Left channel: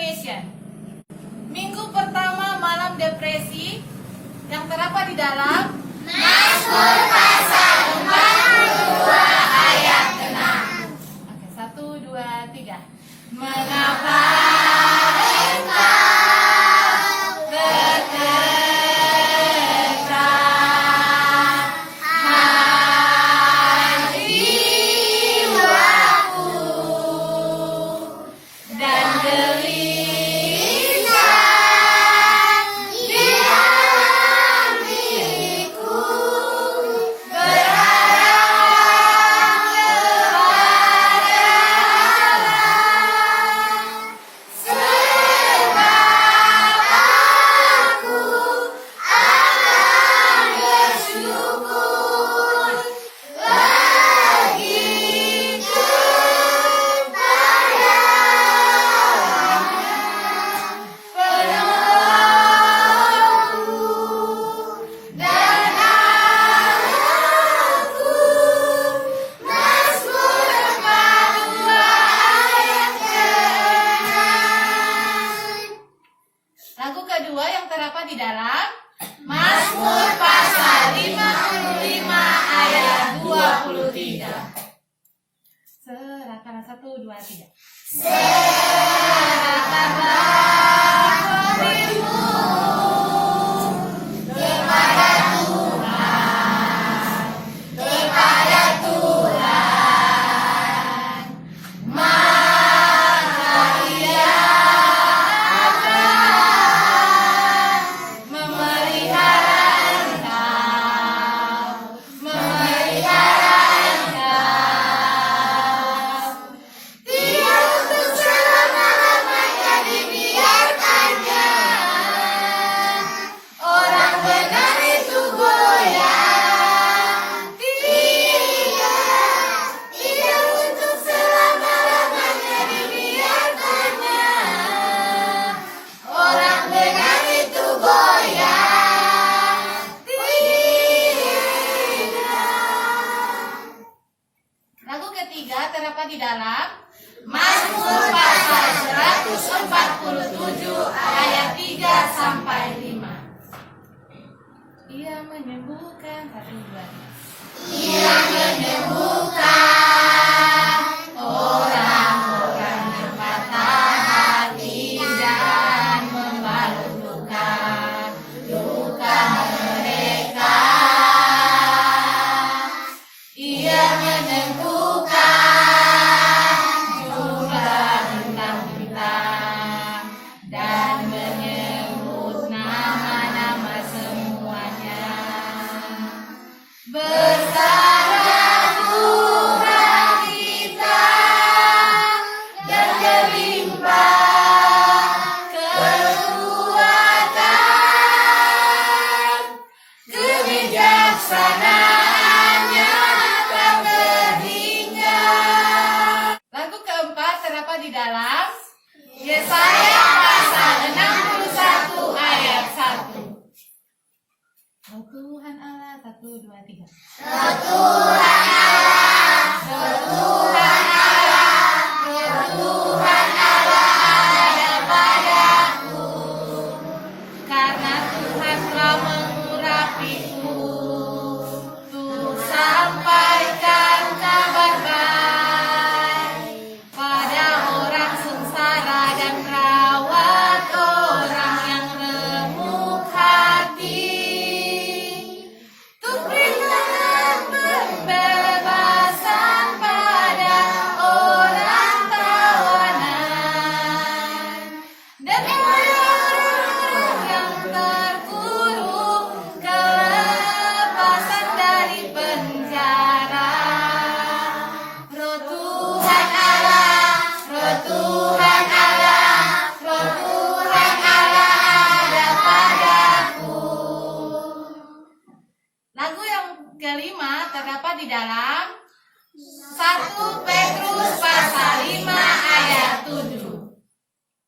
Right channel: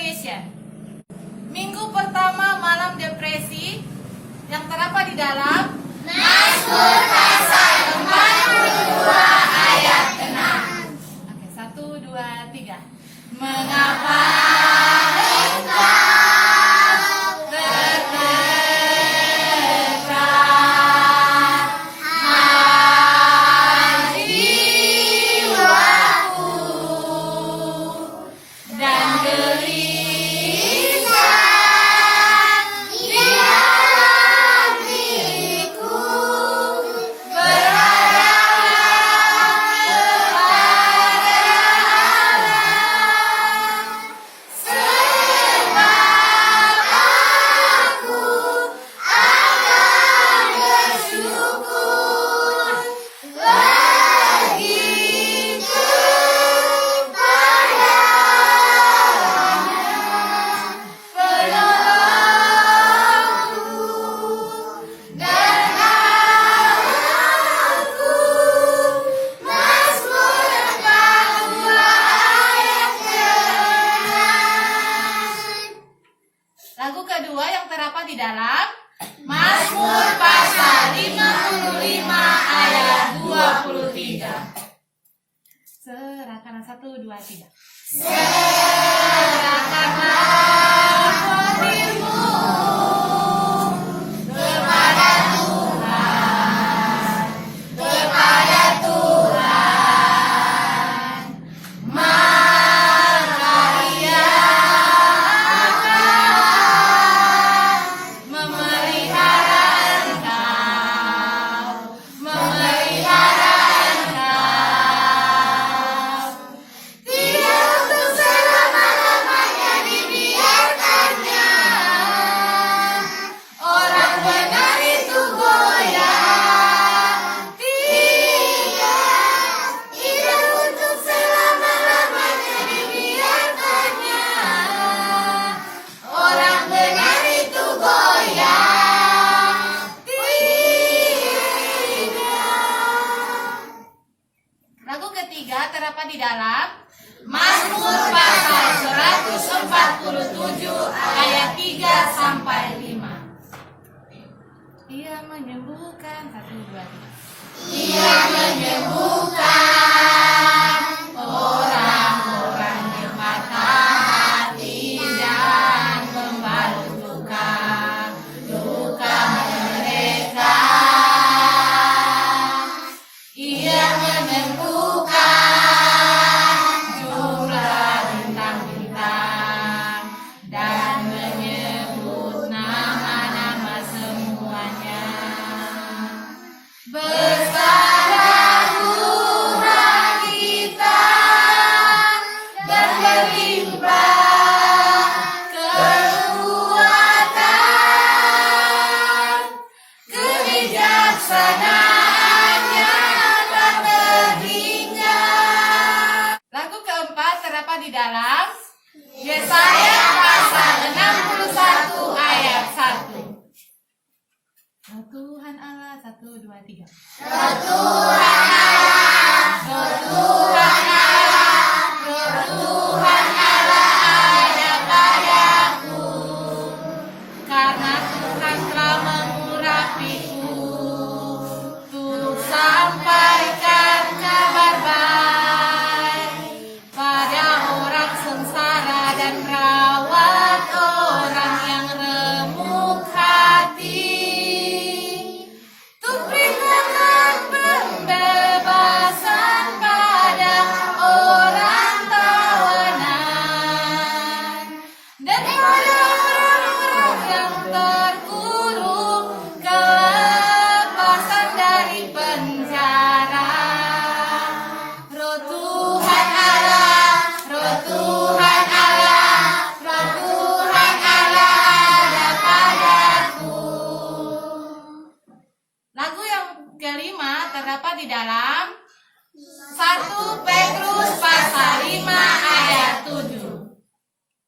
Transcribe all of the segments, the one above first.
Indonesia. Minggu pertama malam depresi yang terdapat di dalam Mazmur pasal 42 ayat 6. Oke, 1, 2, 3. Mengapa engkau tertekan hati jiwaku dan gelisah di dalam diriku, berharap kepada Allah, sebab aku akan bersyukur begitu penolongku dan Allahku. Mazmur 42 ayat ke-6. Lagu kedua yang terdapat di dalam Mazmur pasal 55 ayat 23. Serahkan 1, 2, 3. Serahkanlah hatimu kepada Tuhan, kepada Tuhan, maka Ia akan memelihara engkau, memelihara engkau. Tidak untuk selama-lamanya dibiarkannya. Orang benar itu goyah. Tidak untuk selama-lamanya dibiarkannya. Orang benar itu goyah. Lagu ketiga terdapat di dalam Mazmur pasal 147 ayat 3 sampai 5. Ia menyembuhkan 1, 2, 3. Ia menyembuhkan orang-orang yang patah hati dan membalut luka mereka. Ia menyembuhkan jumlah bintang-bintang dan menyebut nama-nama semuanya. Bersama Tuhan kita dan berlimpah kekuatan, kebijaksanaannya tak terhingga. Lagu keempat terdapat di dalam Yesaya pasal 61 ayat 1. Oh Tuhan Allah, 1, 2, 3. Tuhan Allah, Tuhan Allah ada padaku, karena Tuhan telah mengurapiku untuk sampaikan kabar baik pada orang sengsara dan rawat orang yang remuk hati. Untuk berikan pembebasan pada orang tawanan dan pada orang yang terkurung kelepasan dari penjara. Roh Tuhan Allah, Roh Tuhan Allah, Roh Tuhan Allah ada padaku. Lagu yang kelima terdapat di dalam 1 Petrus pasal 5 ayat 7.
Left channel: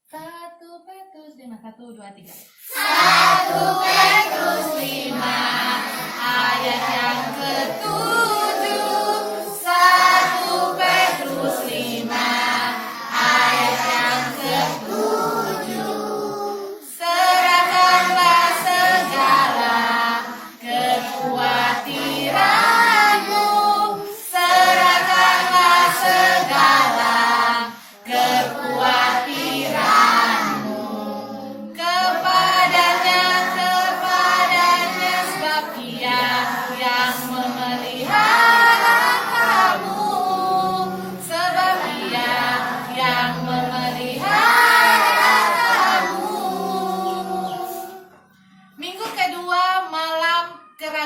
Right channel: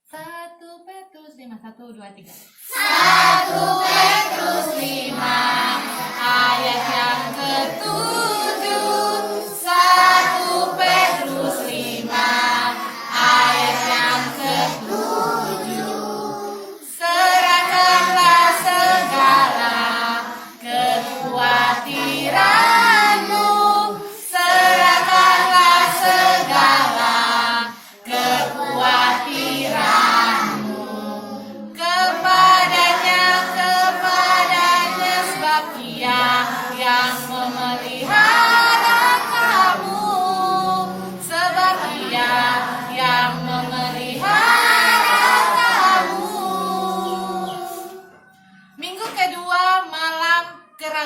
1 Petrus 5, 1, 2, 3. 1 Petrus 5 ayat yang ke-7. 1 Petrus 5 ayat yang ke-7.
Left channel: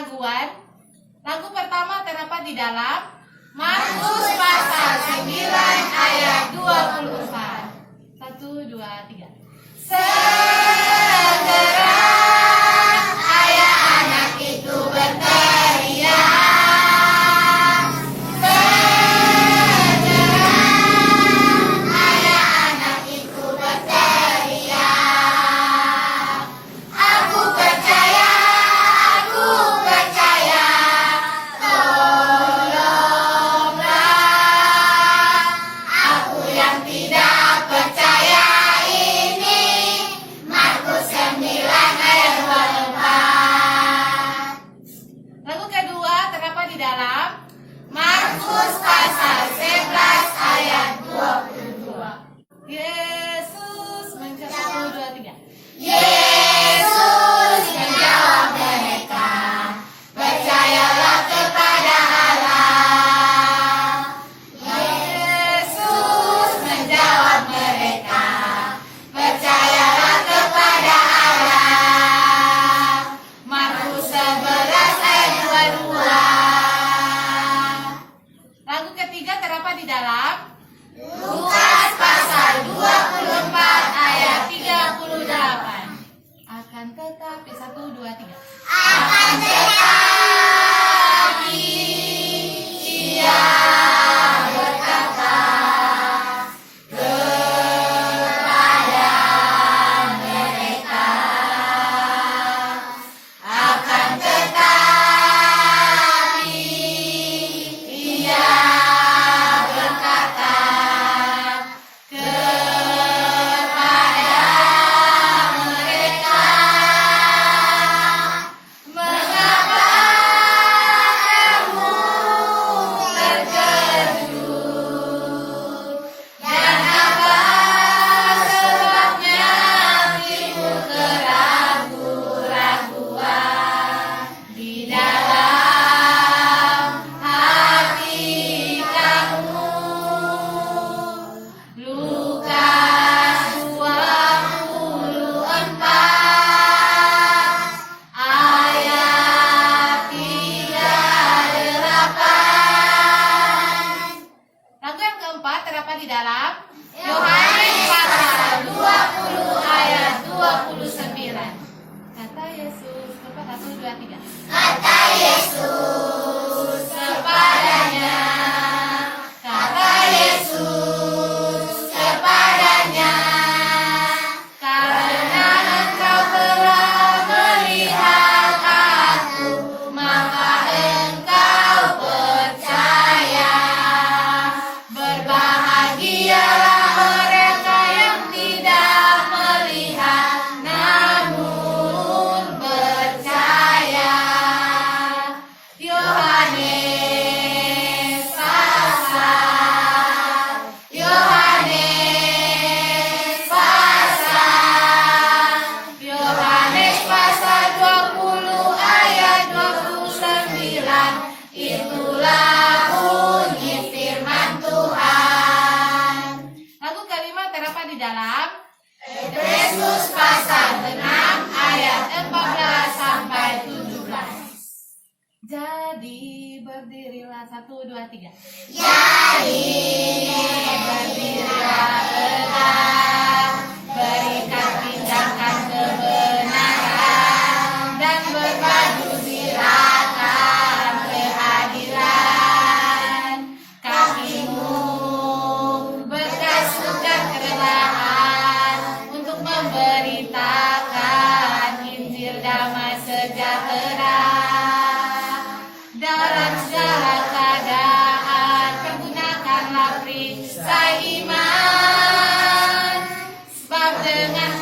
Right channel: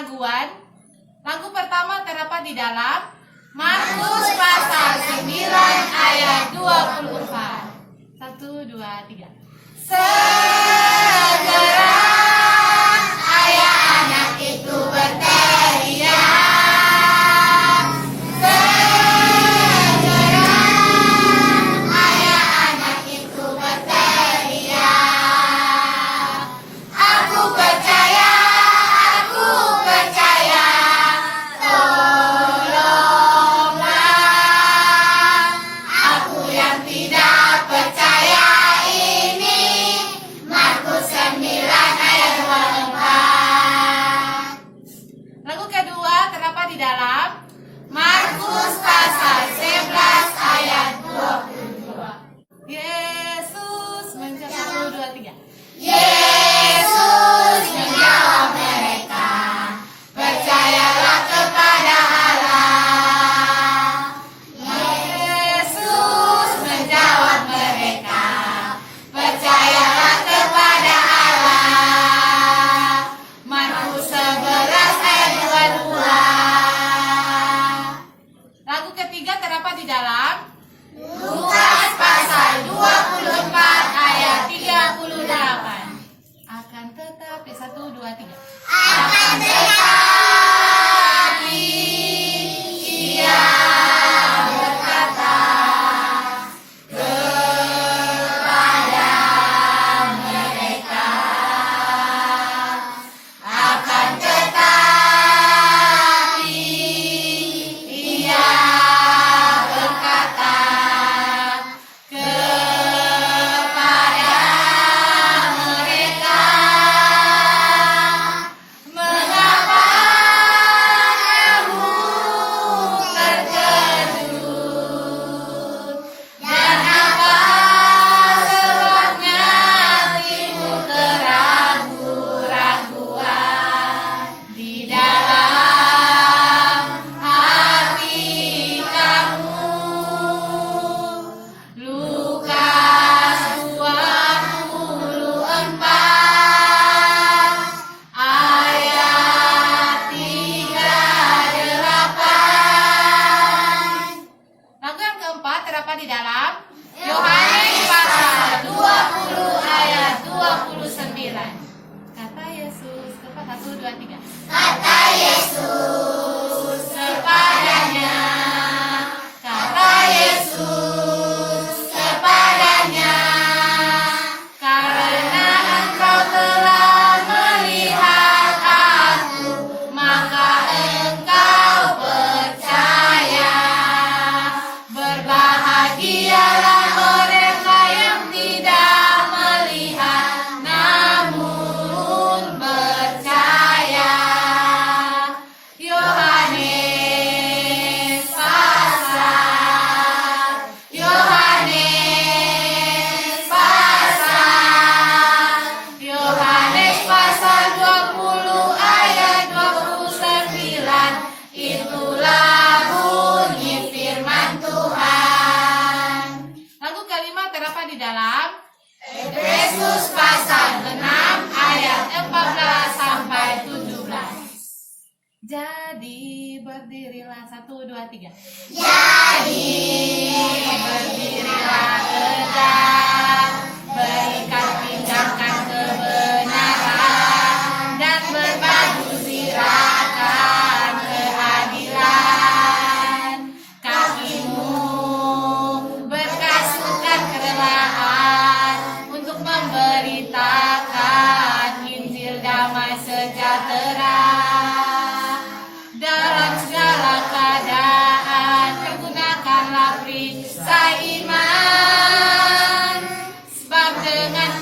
keraguan. Lagu pertama terdapat di dalam Markus pasal 9 ayat 24. 1, 2, 3. Segera ayah anak itu berteriak. Segera ayah anak itu berteriak. Aku percaya, tolonglah aku yang tidak percaya ini. Markus 9 ayat 24. Lagu kedua terdapat di dalam Markus pasal 11 ayat 22. Yesus menjawab 1, 2, 3. Yesus menjawab mereka, percayalah kepada Allah. Yesus menjawab mereka, percayalah kepada Allah. Markus 11 ayat 22. Lagu ketiga terdapat di dalam Lukas pasal 24 ayat 38. Akan tetapi 1, 2, 3. Akan tetapi ia berkata kepada mereka. Akan tetapi ia berkata kepada mereka, mengapa kamu terkejut, dan apa sebabnya timbul keraguan di dalam hati kamu. Lukas 24 ayat 38. Lagu yang keempat terdapat di dalam Yohanes pasal 20 ayat 29. Kata Yesus, kepada 1, 2, 3. Kata Yesus kepadanya. Kata Yesus kepadanya. Karena engkau telah melihat aku, maka engkau percaya. Berbahagialah mereka yang tidak melihat namun percaya. Yohanes pasal 20 ayat 29. Itulah bunyi firman Tuhan. Lagu kelima terdapat di dalam Efesus pasal 6 ayat 14 sampai 17. Jadi berdirilah 1, 2, 3. Jadi berdirilah tegak, berikat tinggalkan kebenaran, dan berbaju zirahkan keadilan. Kakimu berkasutkan kebenaran untuk memberitakan Injil damai sejahtera. Dalam segala keadaan pergunakanlah perisai iman, sebab dengan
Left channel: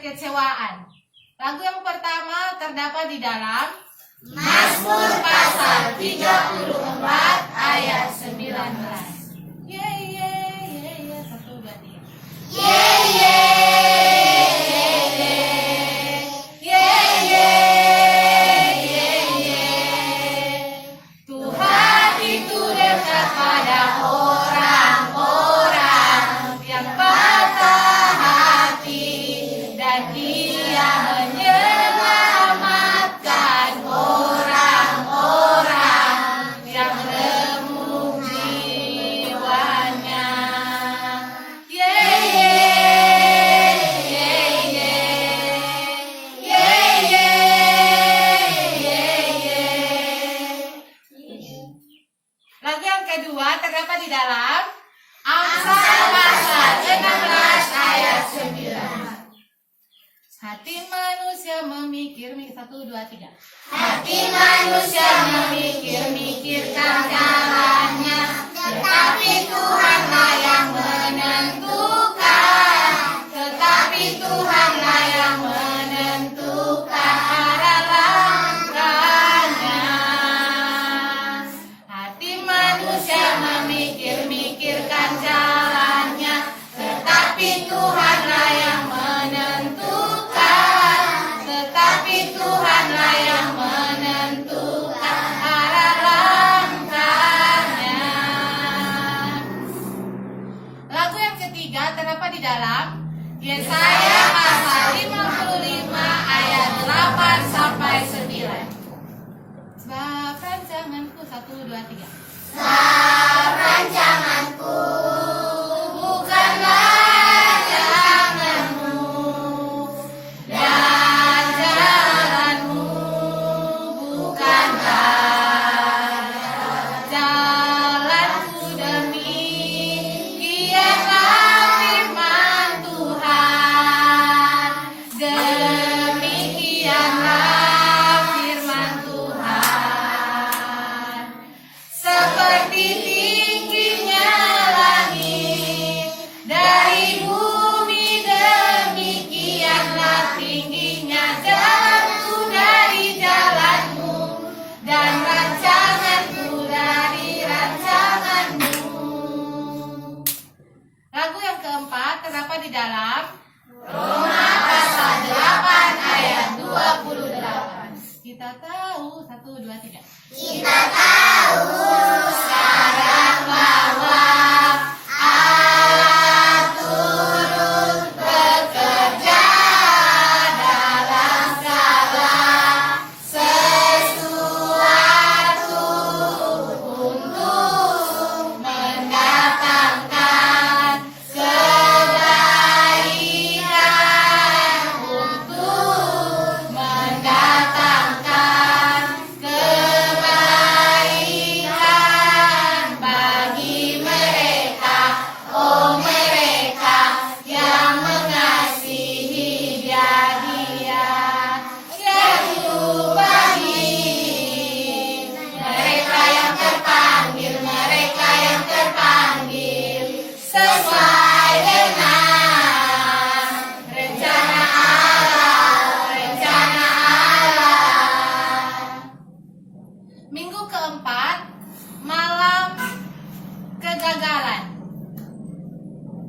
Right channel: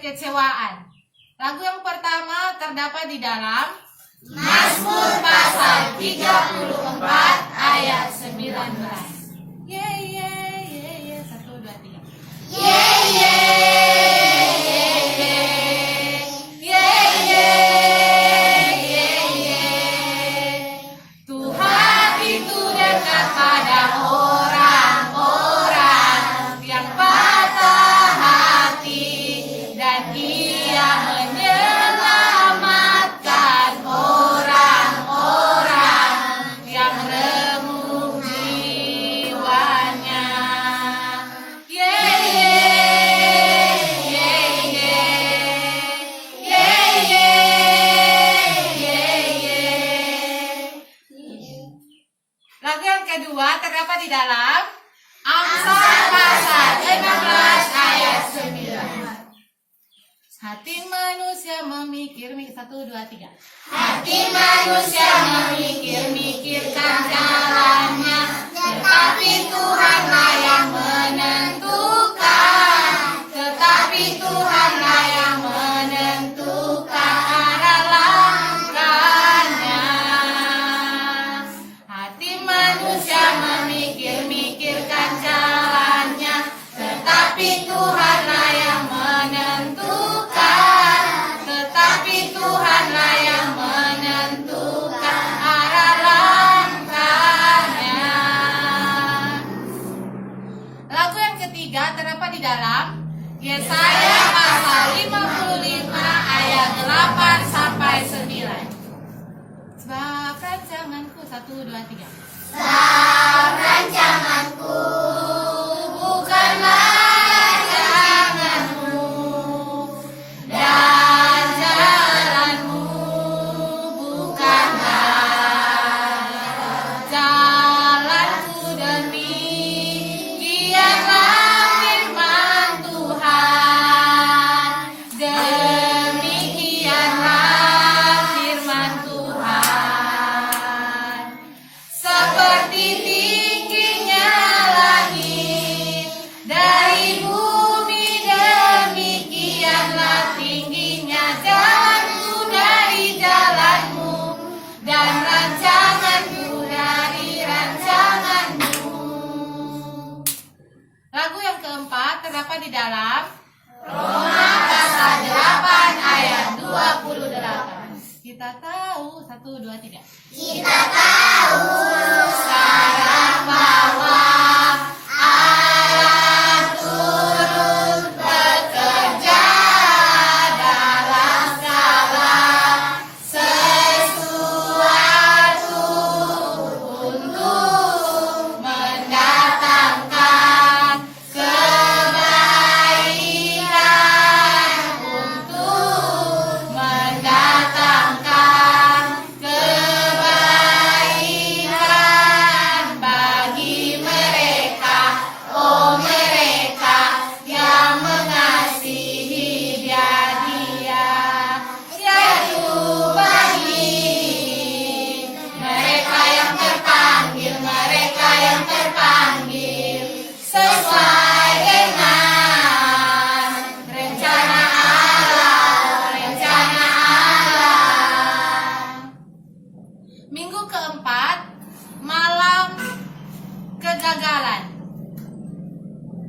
kekecewaan. Lagu yang pertama terdapat di dalam Mazmur pasal 34 ayat 19. Ye ye ye ye 1 2 3. Ye ye ye ye ye ye. Tuhan itu dekat pada orang-orang yang patah hati dan Ia menyelamatkan orang-orang yang remuk jiwanya. Ye ye ye ye ye ye ye ye. Lagu yang kedua terdapat di dalam Amsal pasal 16 ayat 9. Hati manusia memikir 1 2 3. Hati manusia memikir-mikirkan jalannya, tetapi Tuhanlah yang menentukan. Tetapi Tuhanlah yang menentukan arah langkahnya. Hati manusia memikir-mikirkan jalannya, tetapi Tuhanlah yang menentukan. Tetapi Tuhanlah yang menentukan arah langkahnya. Lagu yang ketiga terdapat di dalam Yesaya pasal 55 ayat 8 sampai 9. Sebab rancanganku 1 2 3. Sebab rancanganku Bukanlah rancanganmu, dan jalanmu bukanlah jalanku. Demikianlah firman Tuhan. Demikianlah firman Tuhan. Seperti tingginya langit dari bumi, demikianlah tingginya jalanku dari jalanmu, dan rancanganku dari rancanganmu. Lagu yang keempat terdapat di dalam Roma pasal 8 ayat 28. Kita tahu 1 2 3. kita tahu sekarang bahwa Allah turut bekerja dalam segala sesuatu Untuk mendatangkan kebaikan, untuk mendatangkan kebaikan bagi mereka, oh mereka yang mengasihi Dia, yaitu bagi mereka yang terpanggil, sesuai dengan rencana Allah. Minggu keempat, malam kegagalan.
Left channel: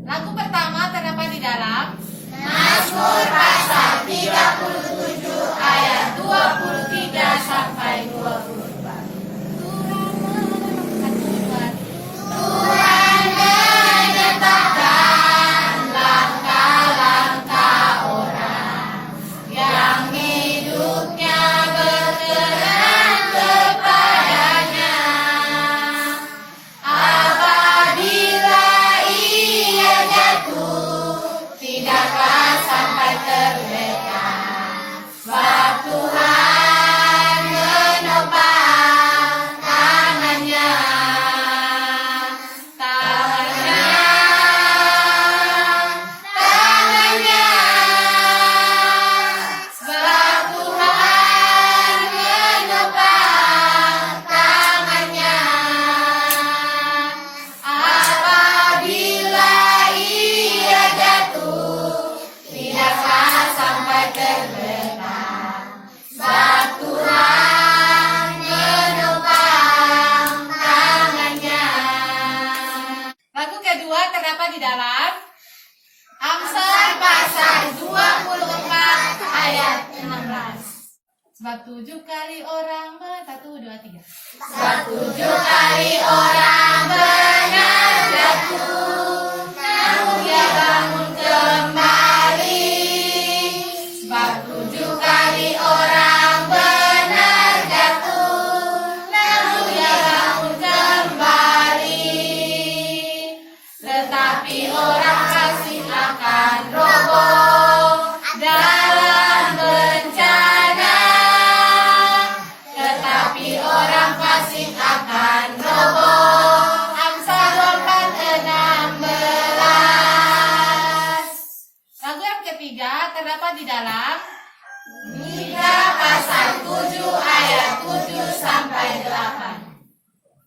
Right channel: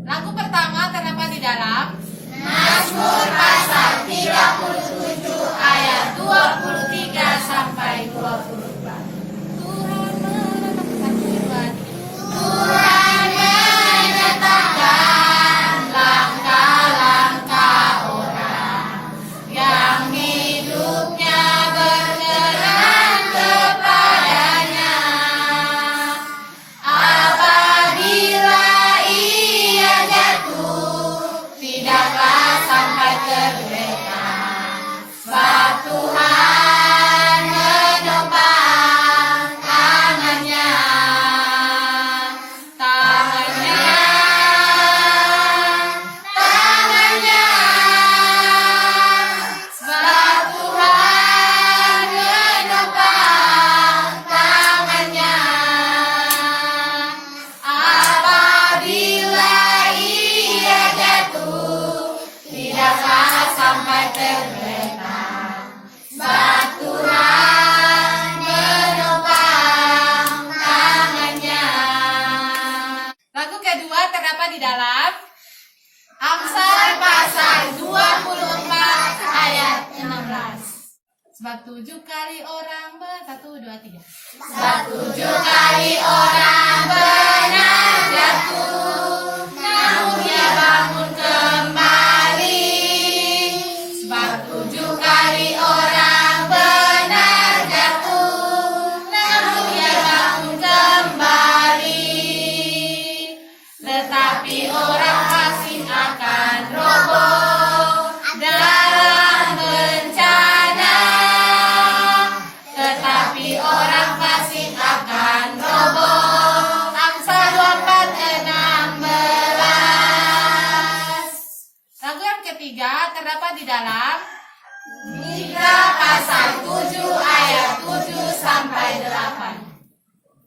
Lagu pertama terdapat di dalam Mazmur pasal 37 ayat 23 sampai 24. Tuhan menetapkan langkah-langkah orang yang hidupnya berkenan kepadanya. Apabila ia jatuh, tidaklah sampai terlena. Sebab Tuhan menopang tangannya. Sebab Tuhan menopang tangannya. Apabila ia jatuh, tidaklah di dalam Amsal pasal 24 ayat 16. Sebab 7 kali orang 1, 2, 3. Sebab 7 kali orang benar jatuh, namun dia bangun kembali. Sebab 7 kali orang benar jatuh, namun dia bangun kembali. tetapi orang fasik akan roboh dalam bencana. Tetapi orang fasik akan roboh. Amsal 4:16. Lagu yang ketiga terdapat di dalam Mikra pasal 7 ayat 7 sampai 8.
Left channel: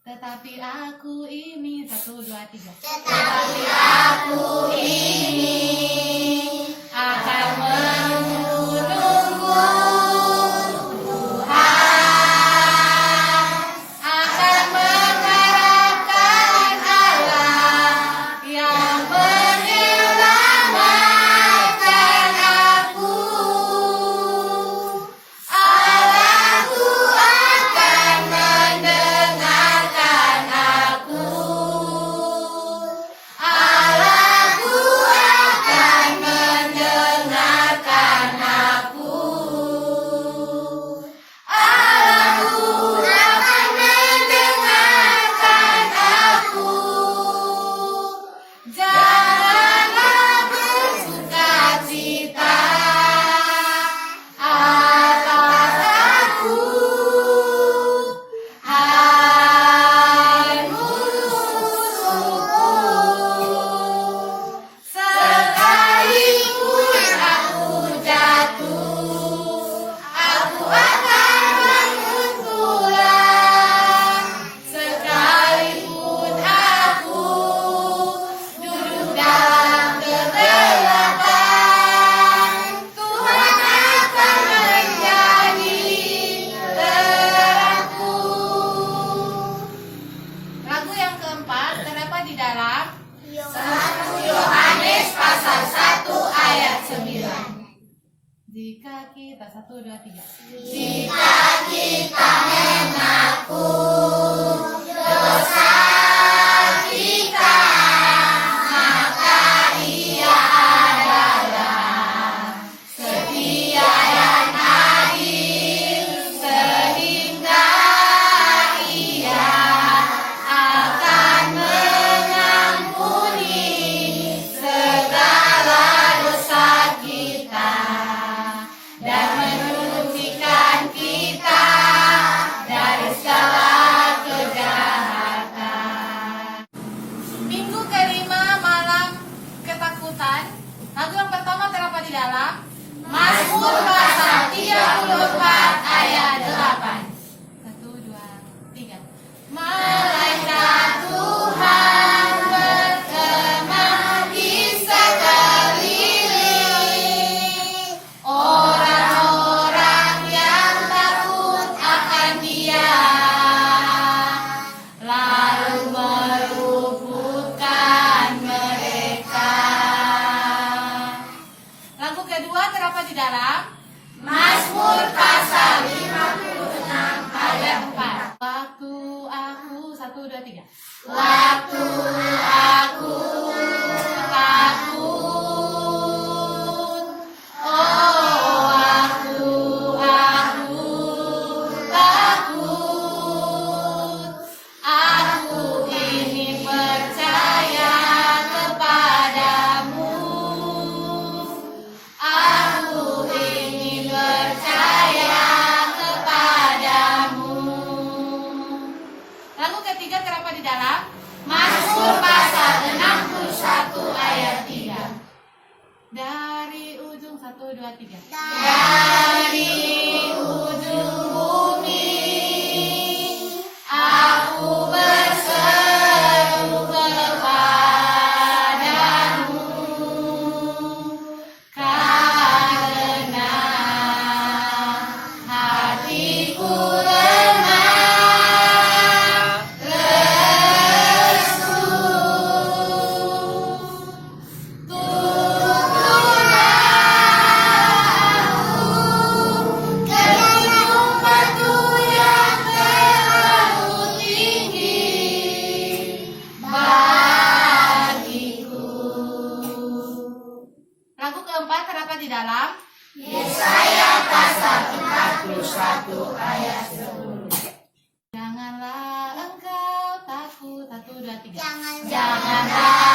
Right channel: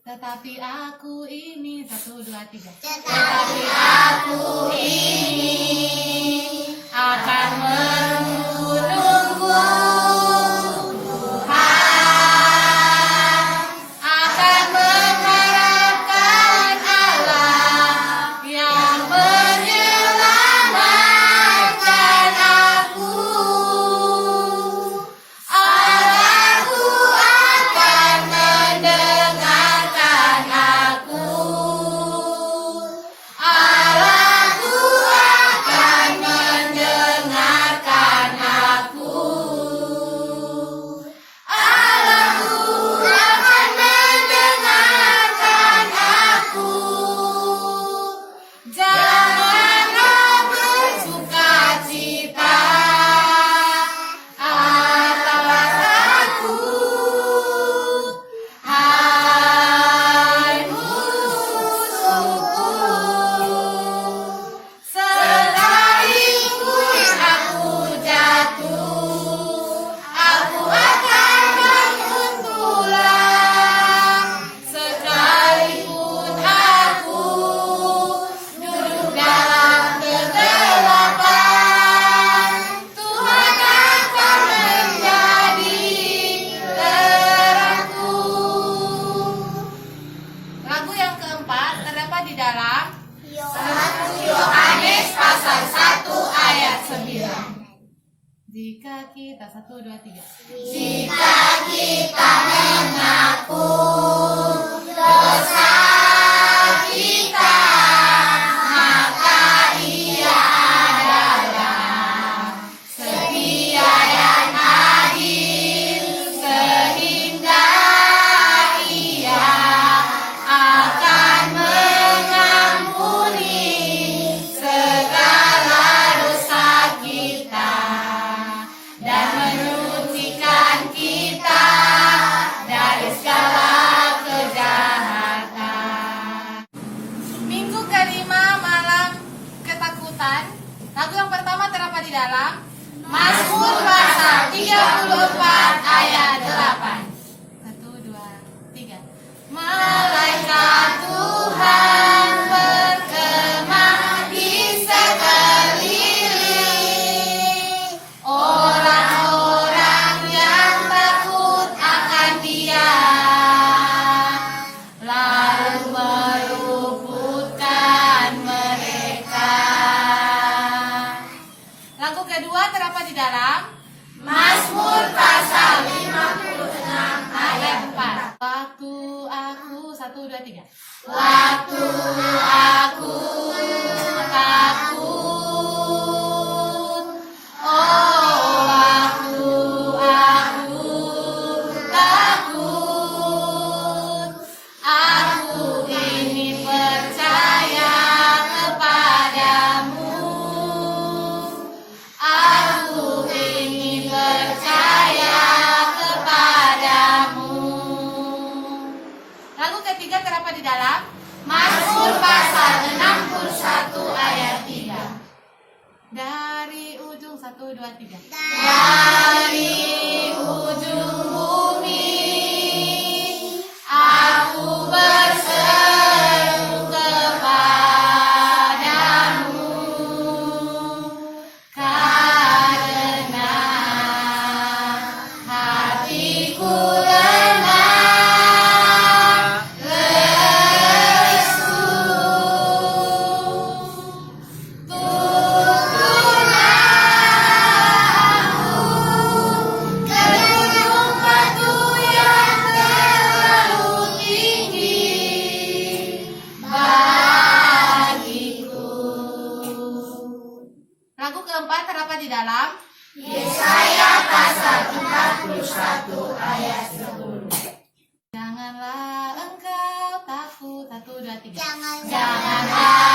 Tetapi aku ini 1, 2, 3. Tetapi aku ini Akan menurunmu Tuhan, akan mengharapkan Allah yang menyelamatkan aku. Allahku akan mendengarkan aku. Allahku akan mendengarkan aku. Allahku akan mendengarkan aku. Janganlah bersuka cita atas aku, hai musuhku. Sekalipun aku jatuh, aku akan bangun pulang. Sekalipun aku duduk dalam kegelapan, Tuhan akan menjadi terangku. Lagu yang keempat terdapat di dalam 1 Yohanes pasal 1 ayat 9. Jika kita 1, 2, 3. Jika kita mengaku dosa kita, maka Ia adalah setia dan adil, sehingga Ia akan mengampuni segala dosa kita dan menyucikan kita dari segala kejahatan. Minggu kelima malam ketakutan. Lagu yang pertama terdapat di dalam Mazmur pasal 34 ayat 8. 1, 2, 3. Malaikat Tuhan berkemah di sekeliling orang-orang yang takut akan Dia, lalu meluputkan mereka. Lagu kedua terdapat di dalam Mazmur pasal 56 ayat 4. Waktu aku 1, 2, 3. Waktu aku takut, oh waktu aku takut, Aku ingin percaya kepadamu. Aku ingin percaya kepadamu. Lagu ketiga terdapat di dalam Mazmur pasal 61 ayat 3. Dari ujung 1, 2, 3. dari ujung bumi aku berseru kepadamu, karena hatiku lemah lesu. keempat terdapat di dalam Yesaya pasal 41 ayat 10. Janganlah engkau takut. 1, 2, 3. Janganlah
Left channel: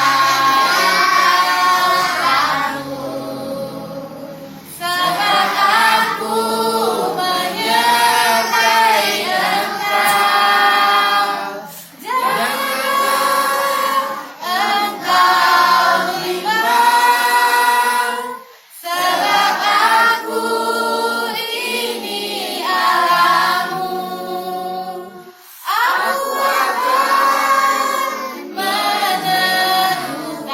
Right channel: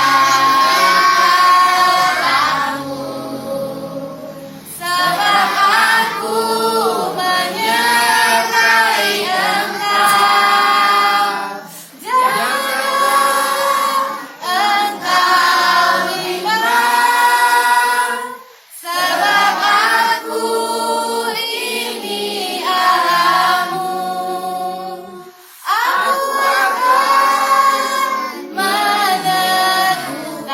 Sebab aku menyertai engkau. Janganlah engkau bimbang. Sebab aku ini Allahmu. Aku akan meneguhkan,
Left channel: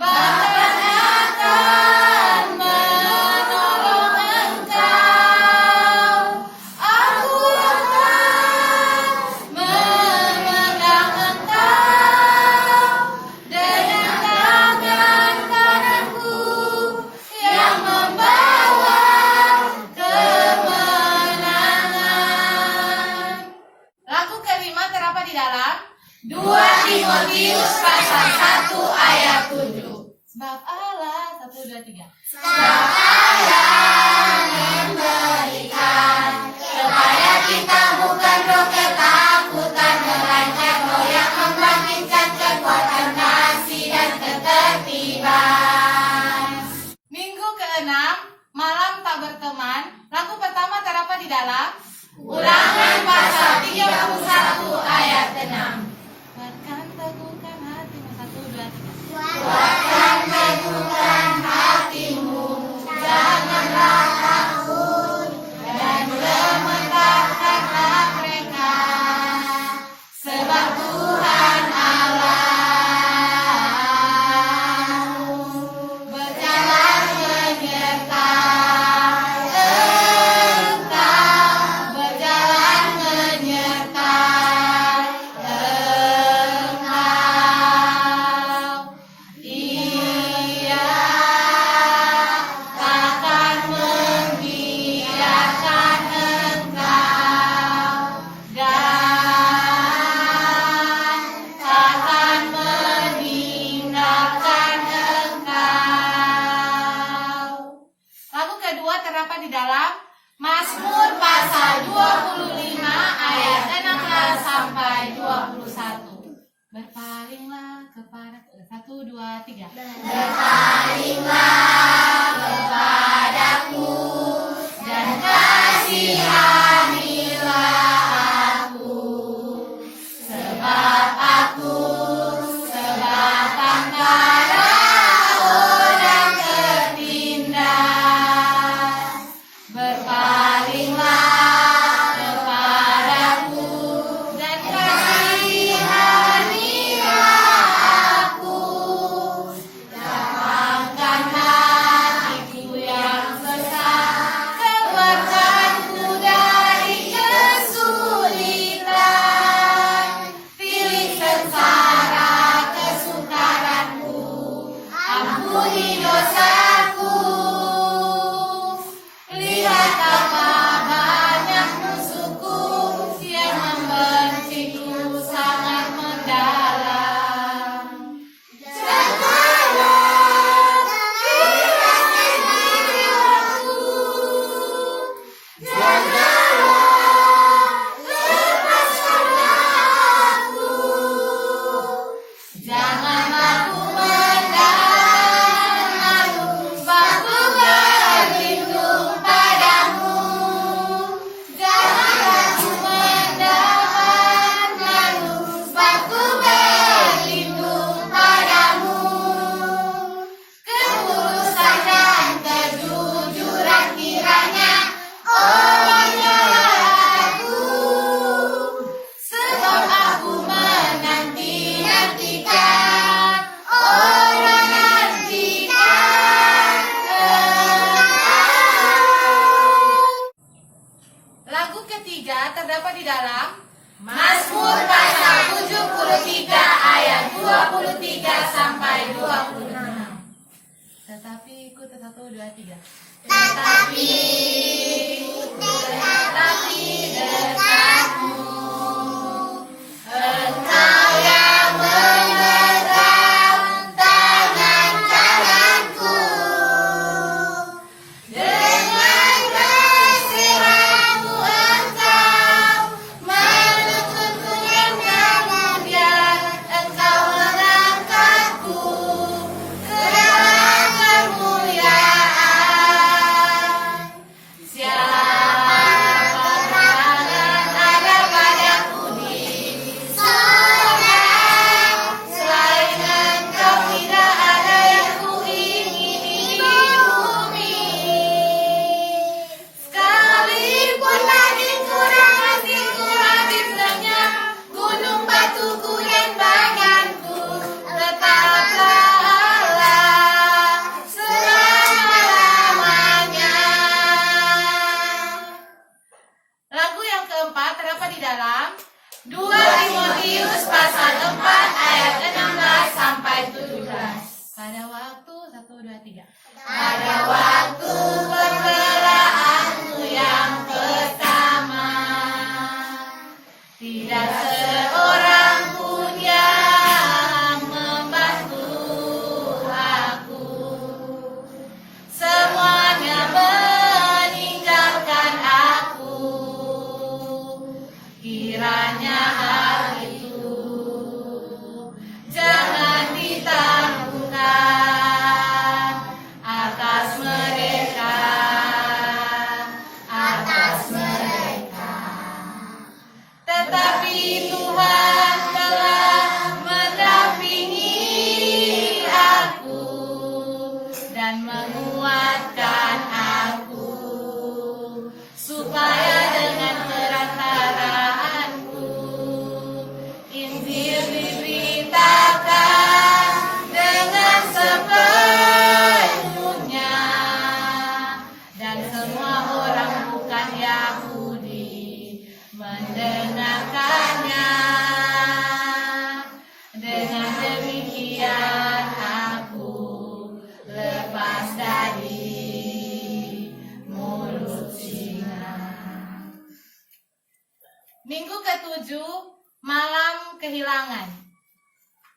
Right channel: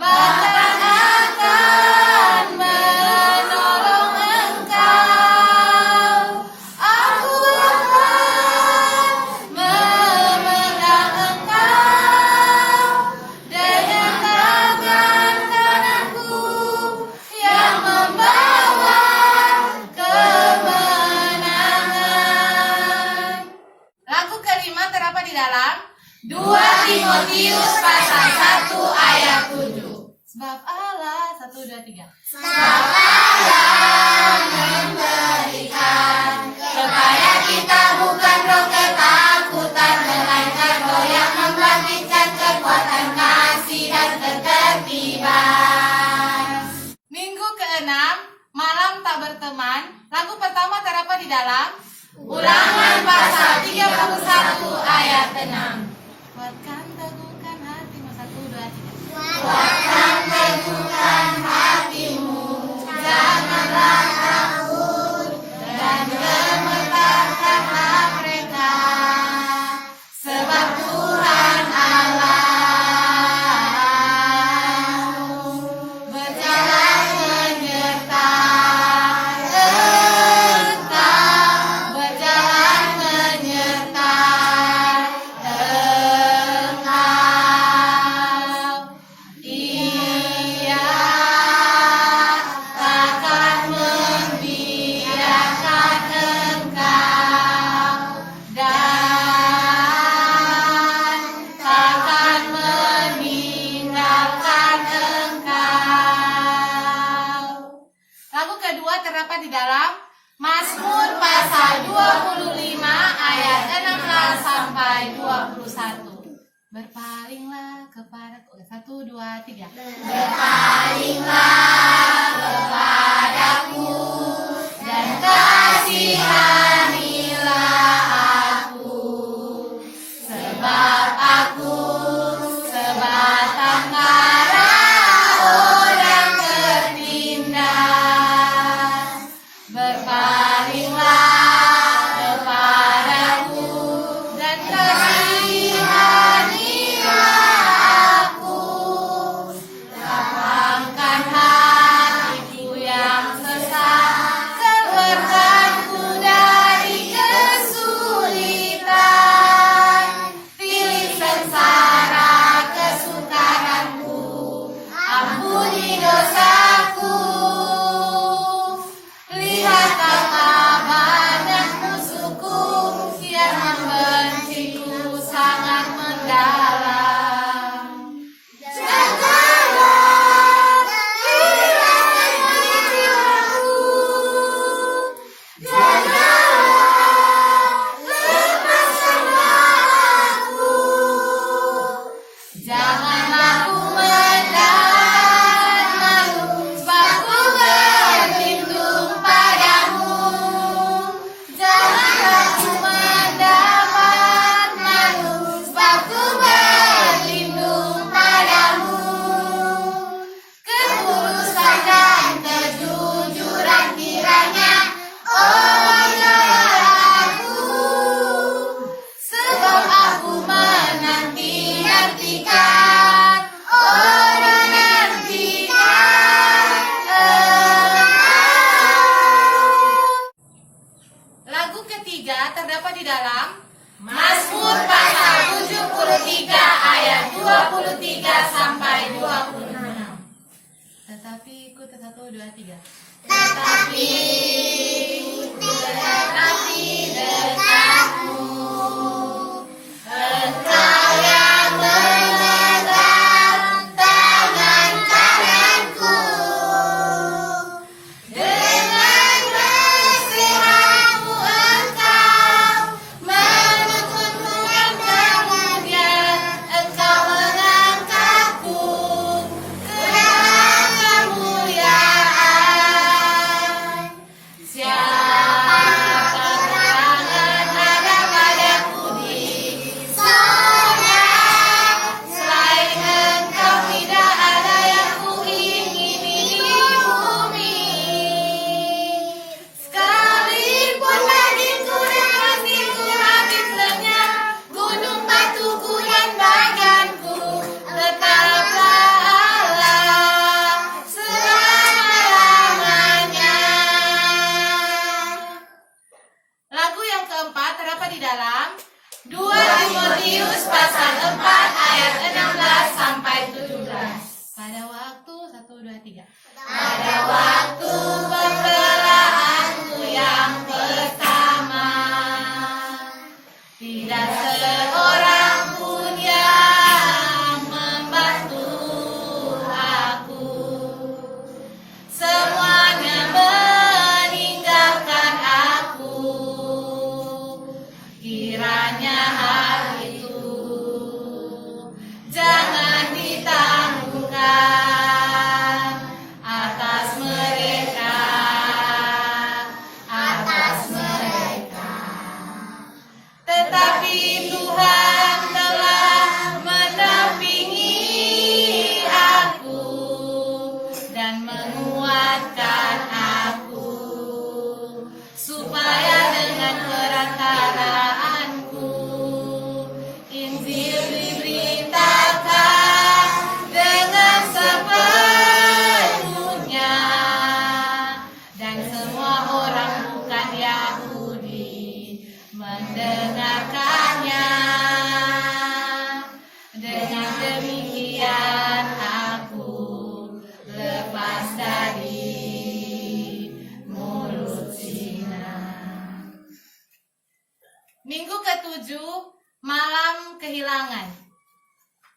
bahkan akan menolong engkau. Aku akan memegang engkau dengan tangan kananku yang membawa kemenangan. Lagu kelima terdapat di dalam 2 Timotius pasal 1 ayat 7. Sebab Allah 1, 2, 3. Sebab Allah memberikan kepada kita bukan roh ketakutan, melainkan roh yang membangkitkan kekuatan kasih dan ketertiban. Minggu ke-6, malam tak berteman. Lagu pertama terdapat di dalam Ulangan pasal 31 ayat 6. Kuatkan teguhkan hatimu. 1, 2, 3. Kuatkan teguhkan hatimu, janganlah takut, dan gemetarkanlah mereka, sebab Tuhan Allahmu berjalan menyertai engkau, berjalan menyertai engkau. Ia takkan membiarkan engkau dan takkan meninggalkan engkau. Lagu kedua terdapat di dalam Mazmur pasal 25 ayat 16 sampai 21. Berpalinglah kepadaku. 1, 2, 3. Berpalinglah kepadaku dan kasihanilah aku, sebab aku sebatang kara orang tertindas. Berpalinglah kepadaku dan kasihanilah aku. Lapangkanlah hatiku yang sesat, keluarkanku dari kesulitan. Pilih sengsara kesukaranku, ampuni dosaku. Lihat betapa banyak musuhku yang membenciku sangat mendalam. Janganlah hilangkan jiwaku, janganlah lepaskanlah aku, janganlah ku mendapat malu, sebab ku berlindung padamu. Janganlah ku mendapat malu, sebab ku berlindung padamu. Ketulusan dan kejujuran kiranya aku, sebab aku menantikan Lagu ketiga terdapat di dalam Mazmur pasal 73 ayat 23 sampai 26. Tetapi ikut 1, 2, 3. Tetapi dekati dekatmu, engkau yang memegang tangan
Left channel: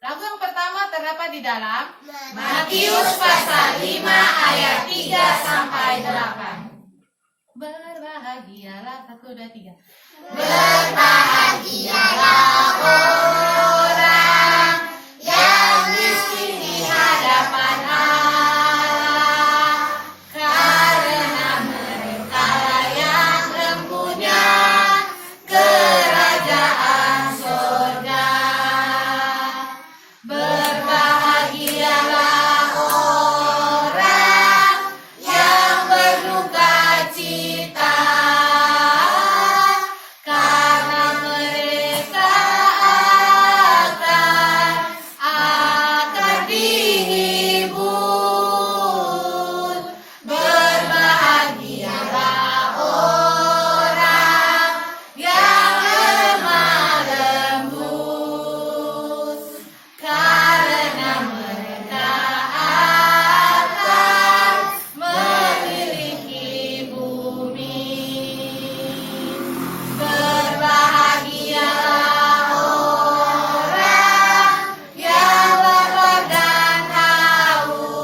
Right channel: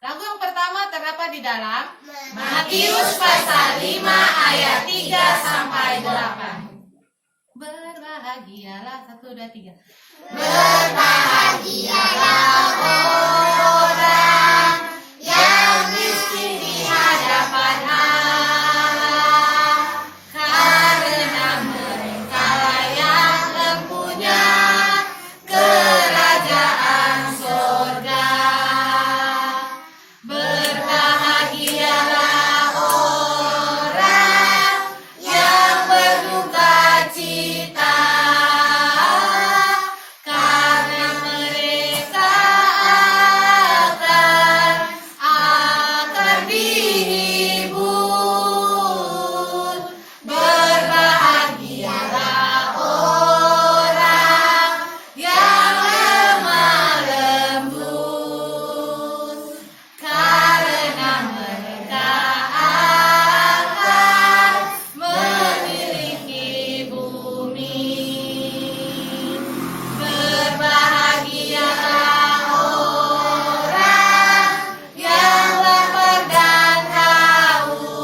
Lagu yang pertama terdapat di dalam Matius pasal 5 ayat 3 sampai 8. Berbahagialah 1, 2, 3. Berbahagialah orang yang miskin di hadapan Allah, karena mereka yang mempunya kerajaan surga. Berbahagialah orang yang berduka cita, karena mereka akan dihibur. Berbahagialah orang yang lemah lembut, karena mereka akan memiliki bumi. Berbahagialah orang yang lapar dan haus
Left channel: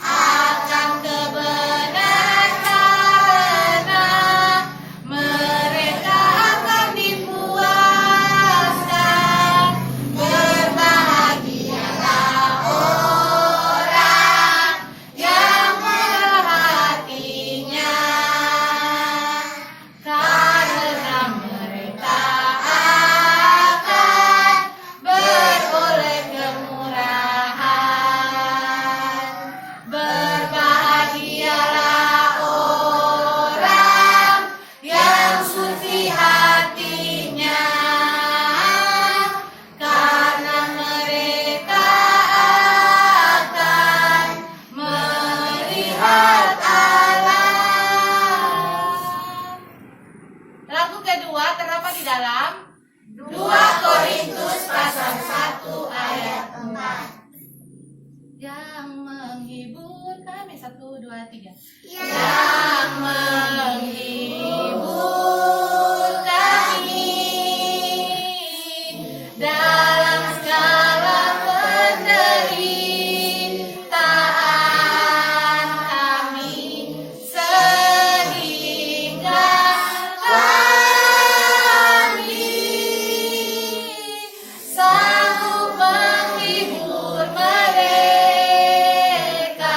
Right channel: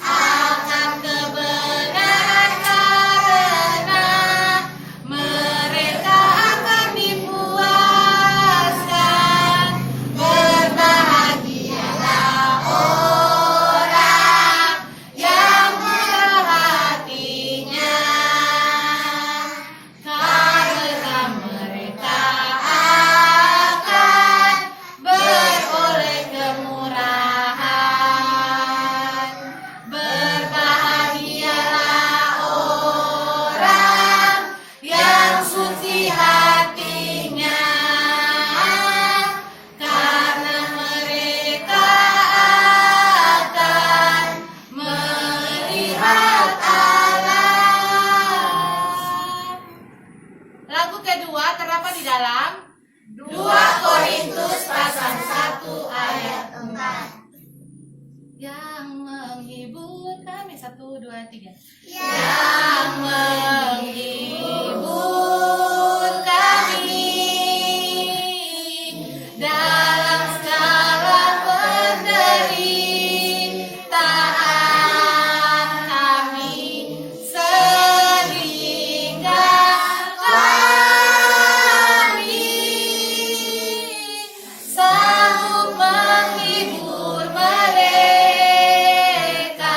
akan kebenaran, karena mereka akan dipuaskan. Berbahagialah orang yang murah hatinya, karena mereka akan beroleh kemurahan. Berbahagialah orang yang suci hatinya, karena mereka akan melihat Allah. Lagu kedua terdapat di dalam 2 Korintus pasal 1 ayat 4. yang menghibur kami 1, 2, 3. Yang menghibur kami dalam segala penderitaan kami, sehingga kami sanggup menghibur mereka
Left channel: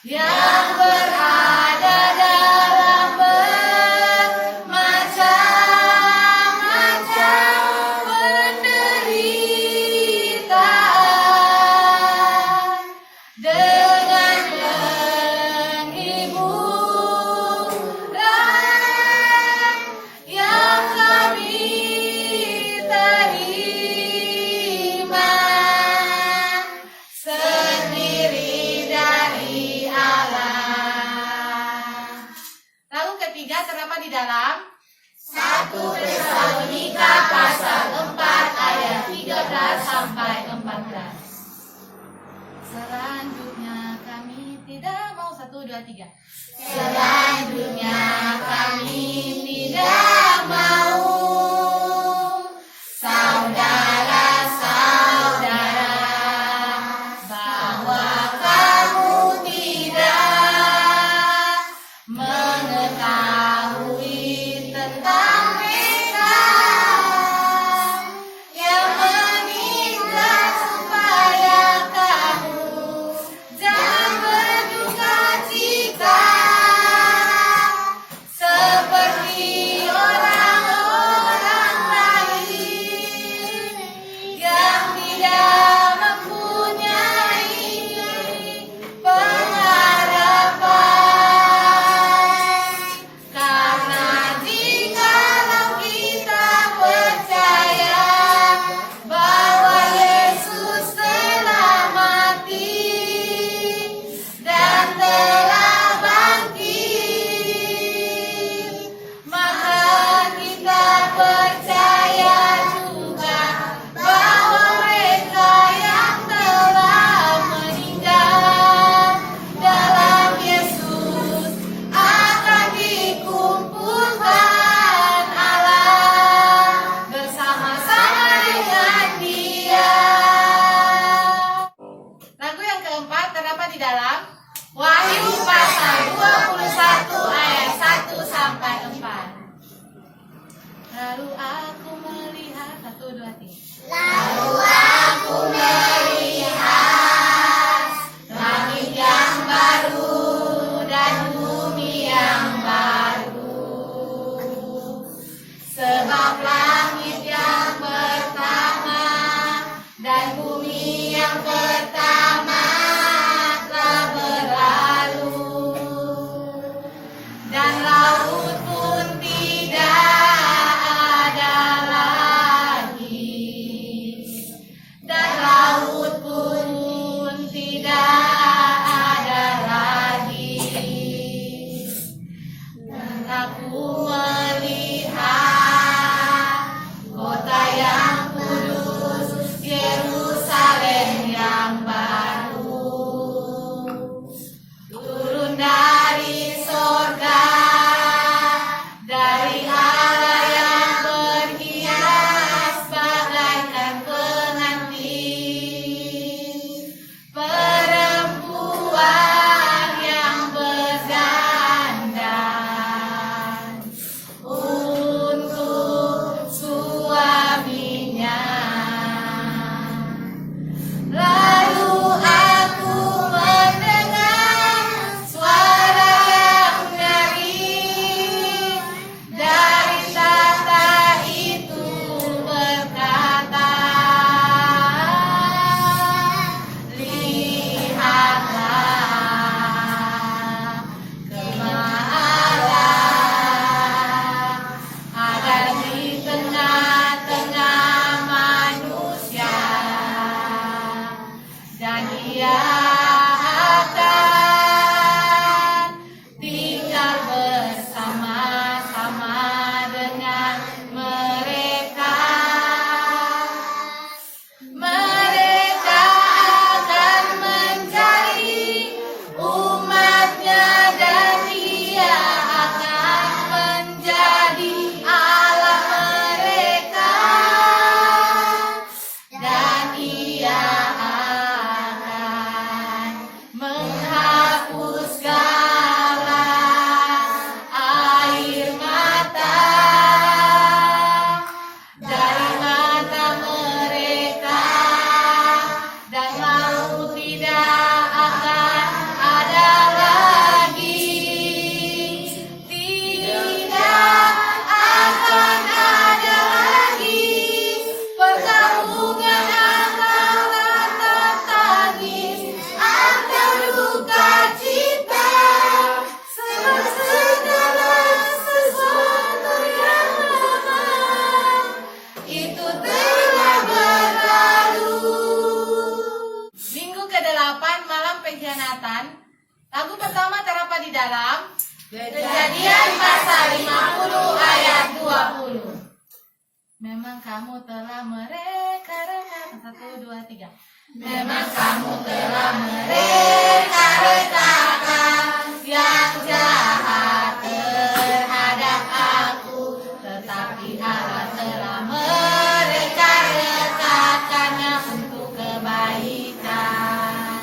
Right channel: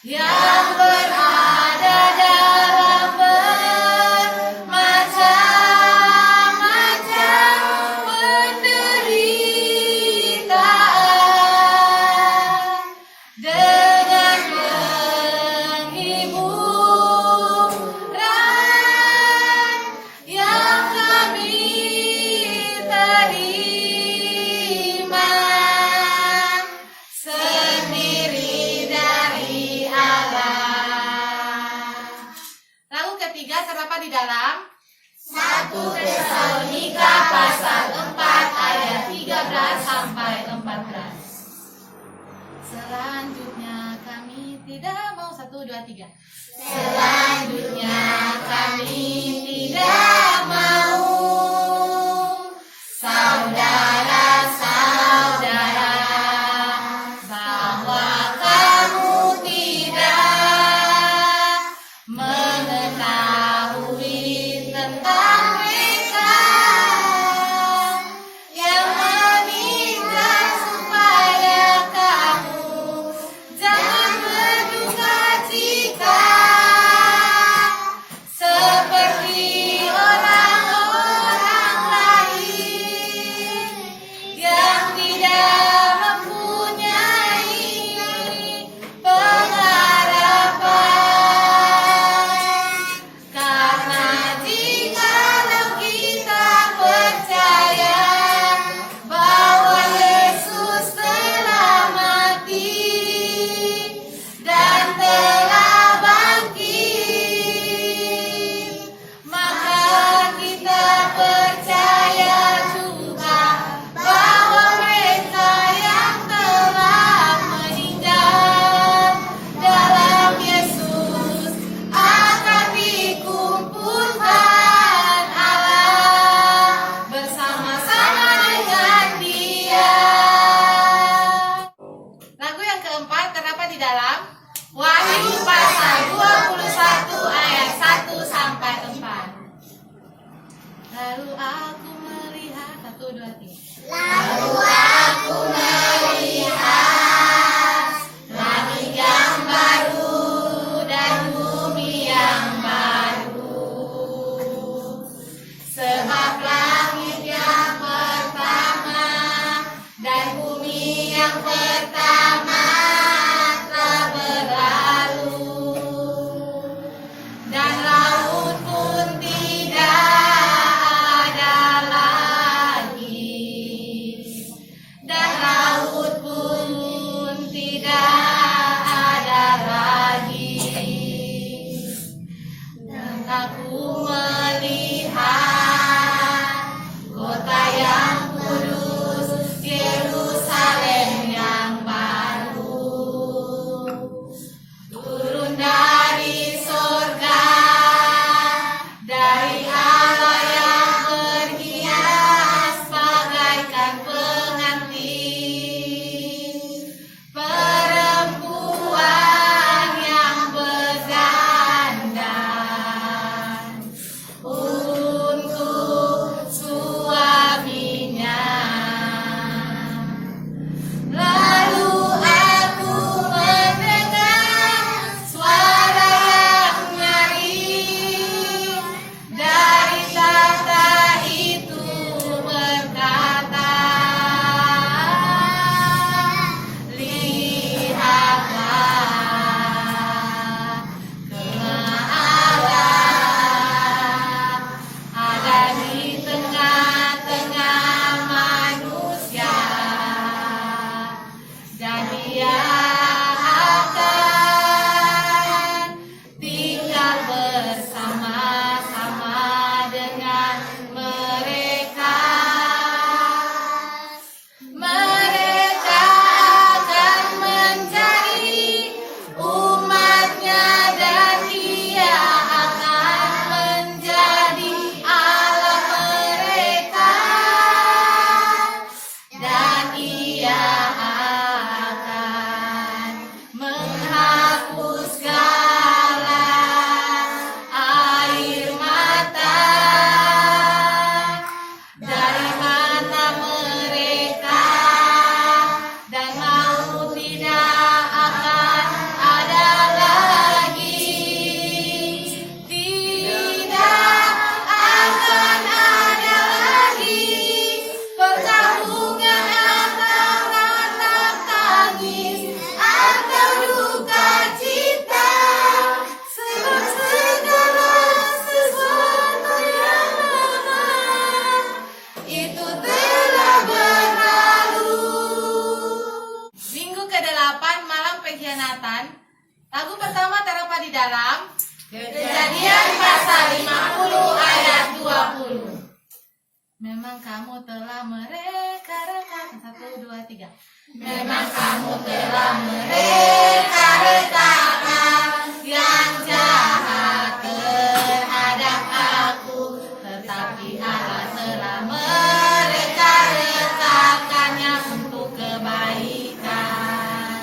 yang berada dalam bermacam-macam penderitaan, dengan penghiburan yang kami terima sendiri dari Allah. Lagu ketiga terdapat di dalam 1 Tesalonika pasal 4 ayat 13 sampai 14. selanjutnya kami tidak mau 1, 2, 3. Selanjutnya kami tidak mau saudara-saudara bahwa kamu tidak mengetahui tentang mereka yang meninggal, supaya kamu jangan berduka cita Lagu pertama terdapat di dalam Kejadian pasal 50 ayat 20. Memang kamu telah mereka-rekakan. 1, 2, 3. Memang kamu telah mereka-rekakan yang jahat terhadap aku, Tetapi Allah telah mereka-rekakannya untuk kebaikan,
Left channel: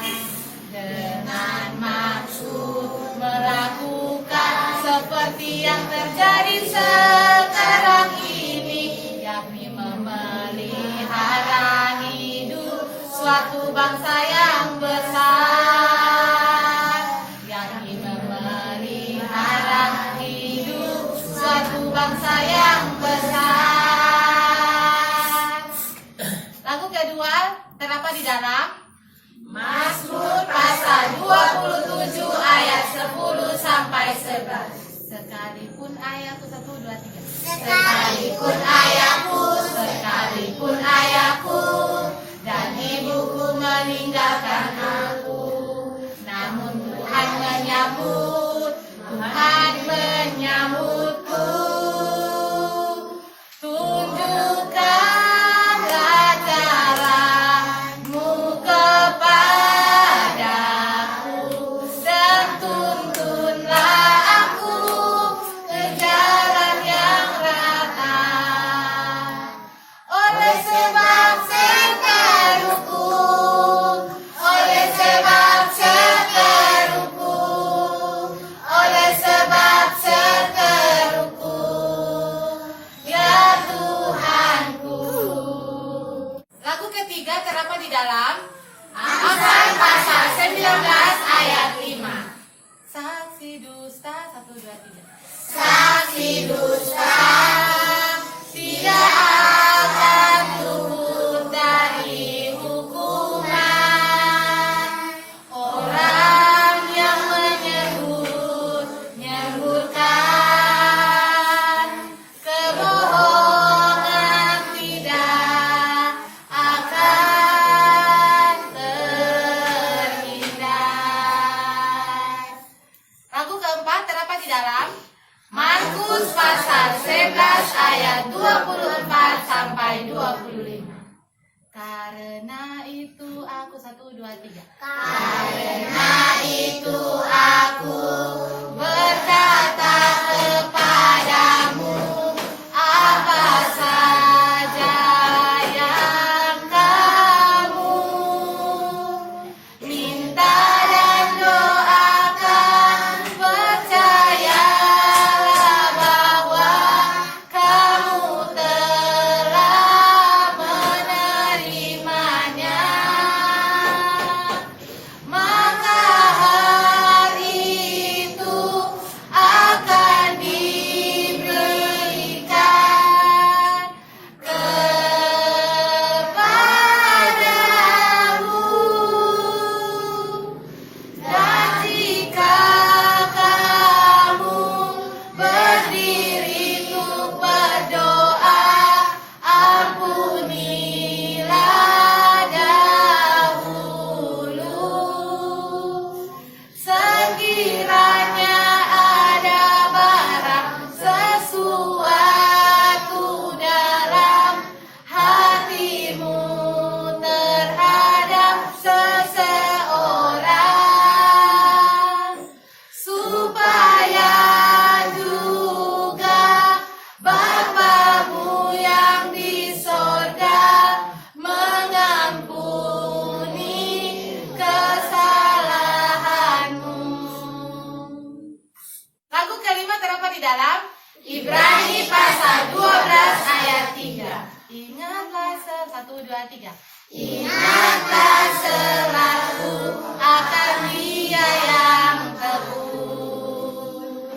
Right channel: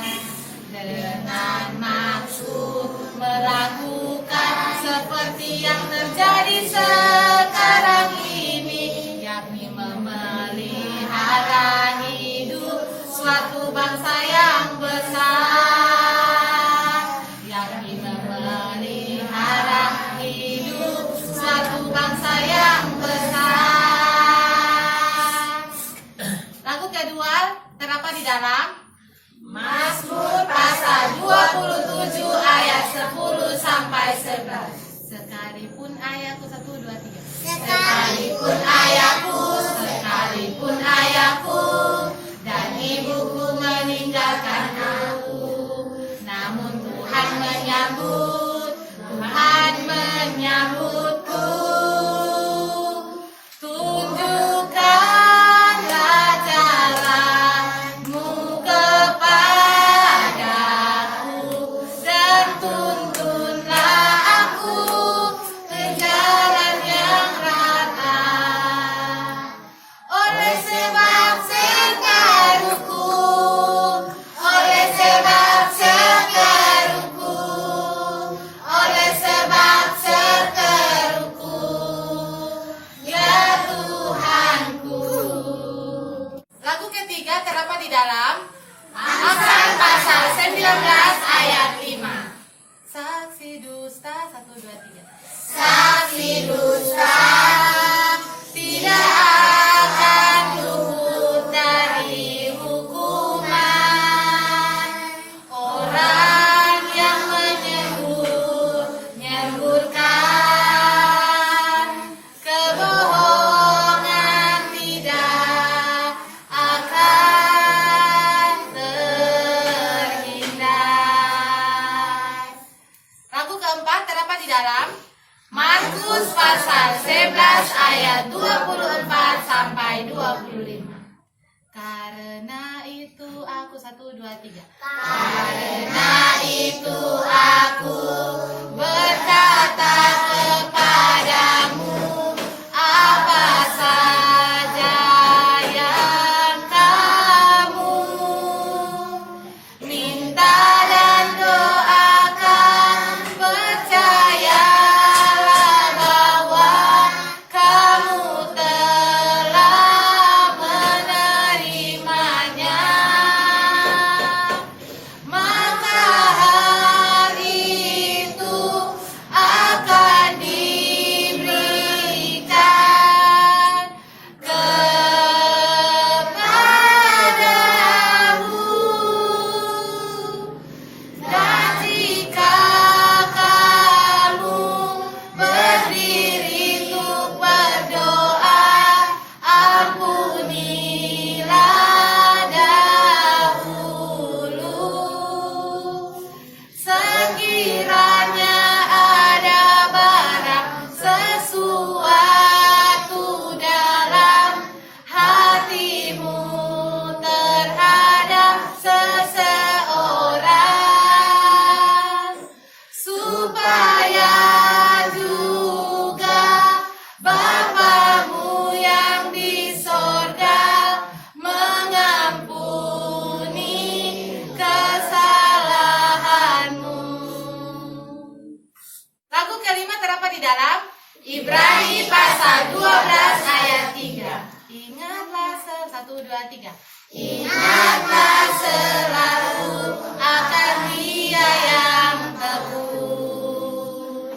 dengan maksud melakukan seperti yang terjadi sekarang ini, yakni memelihara hidup suatu bangsa yang besar, yakni memelihara hidup suatu bangsa yang besar. Lagu kedua terdapat di dalam Mazmur pasal 27 ayat 10 sampai 11. sekalipun ayatku 1, 2, 3. Sekalipun ayahku dan ibuku meninggalkan aku, namun Tuhan menyambutku. Tunjukkanlah jalanmu kepadaku, dan tuntunlah aku ke jalan yang rata. Oleh sebab seteruku, ya Tuhanku. Lagu ketiga terdapat di dalam Amsal pasal 19 ayat 5. saksi dusta. 1, 2, 3. Saksi dusta tidak akan luput dari hukuman. Orang yang menyemburkan kebohongan tidak akan terhindar. Lagu keempat terdapat di dalam Markus pasal 11 ayat 24 sampai 25. Karena itu aku 1, 2, 3. Karena itu aku berkata kepadamu, apa saja yang kamu minta dan doakan, percayalah bahwa kamu telah menerimanya. Maka hari itu akan diberikan kepadamu. Dan jika kamu berdiri untuk berdoa, ampunilah dahulu. Sekiranya ada barang sesuatu dalam hatimu terhadap seseorang, supaya juga Bapamu yang di sorga mengampuni kesalahanmu. Lagu kelima terdapat di dalam Ibrani pasal 12 ayat 3. Ingatlah 1, 2, 3. Ingatlah selalu akan Dia yang teguh,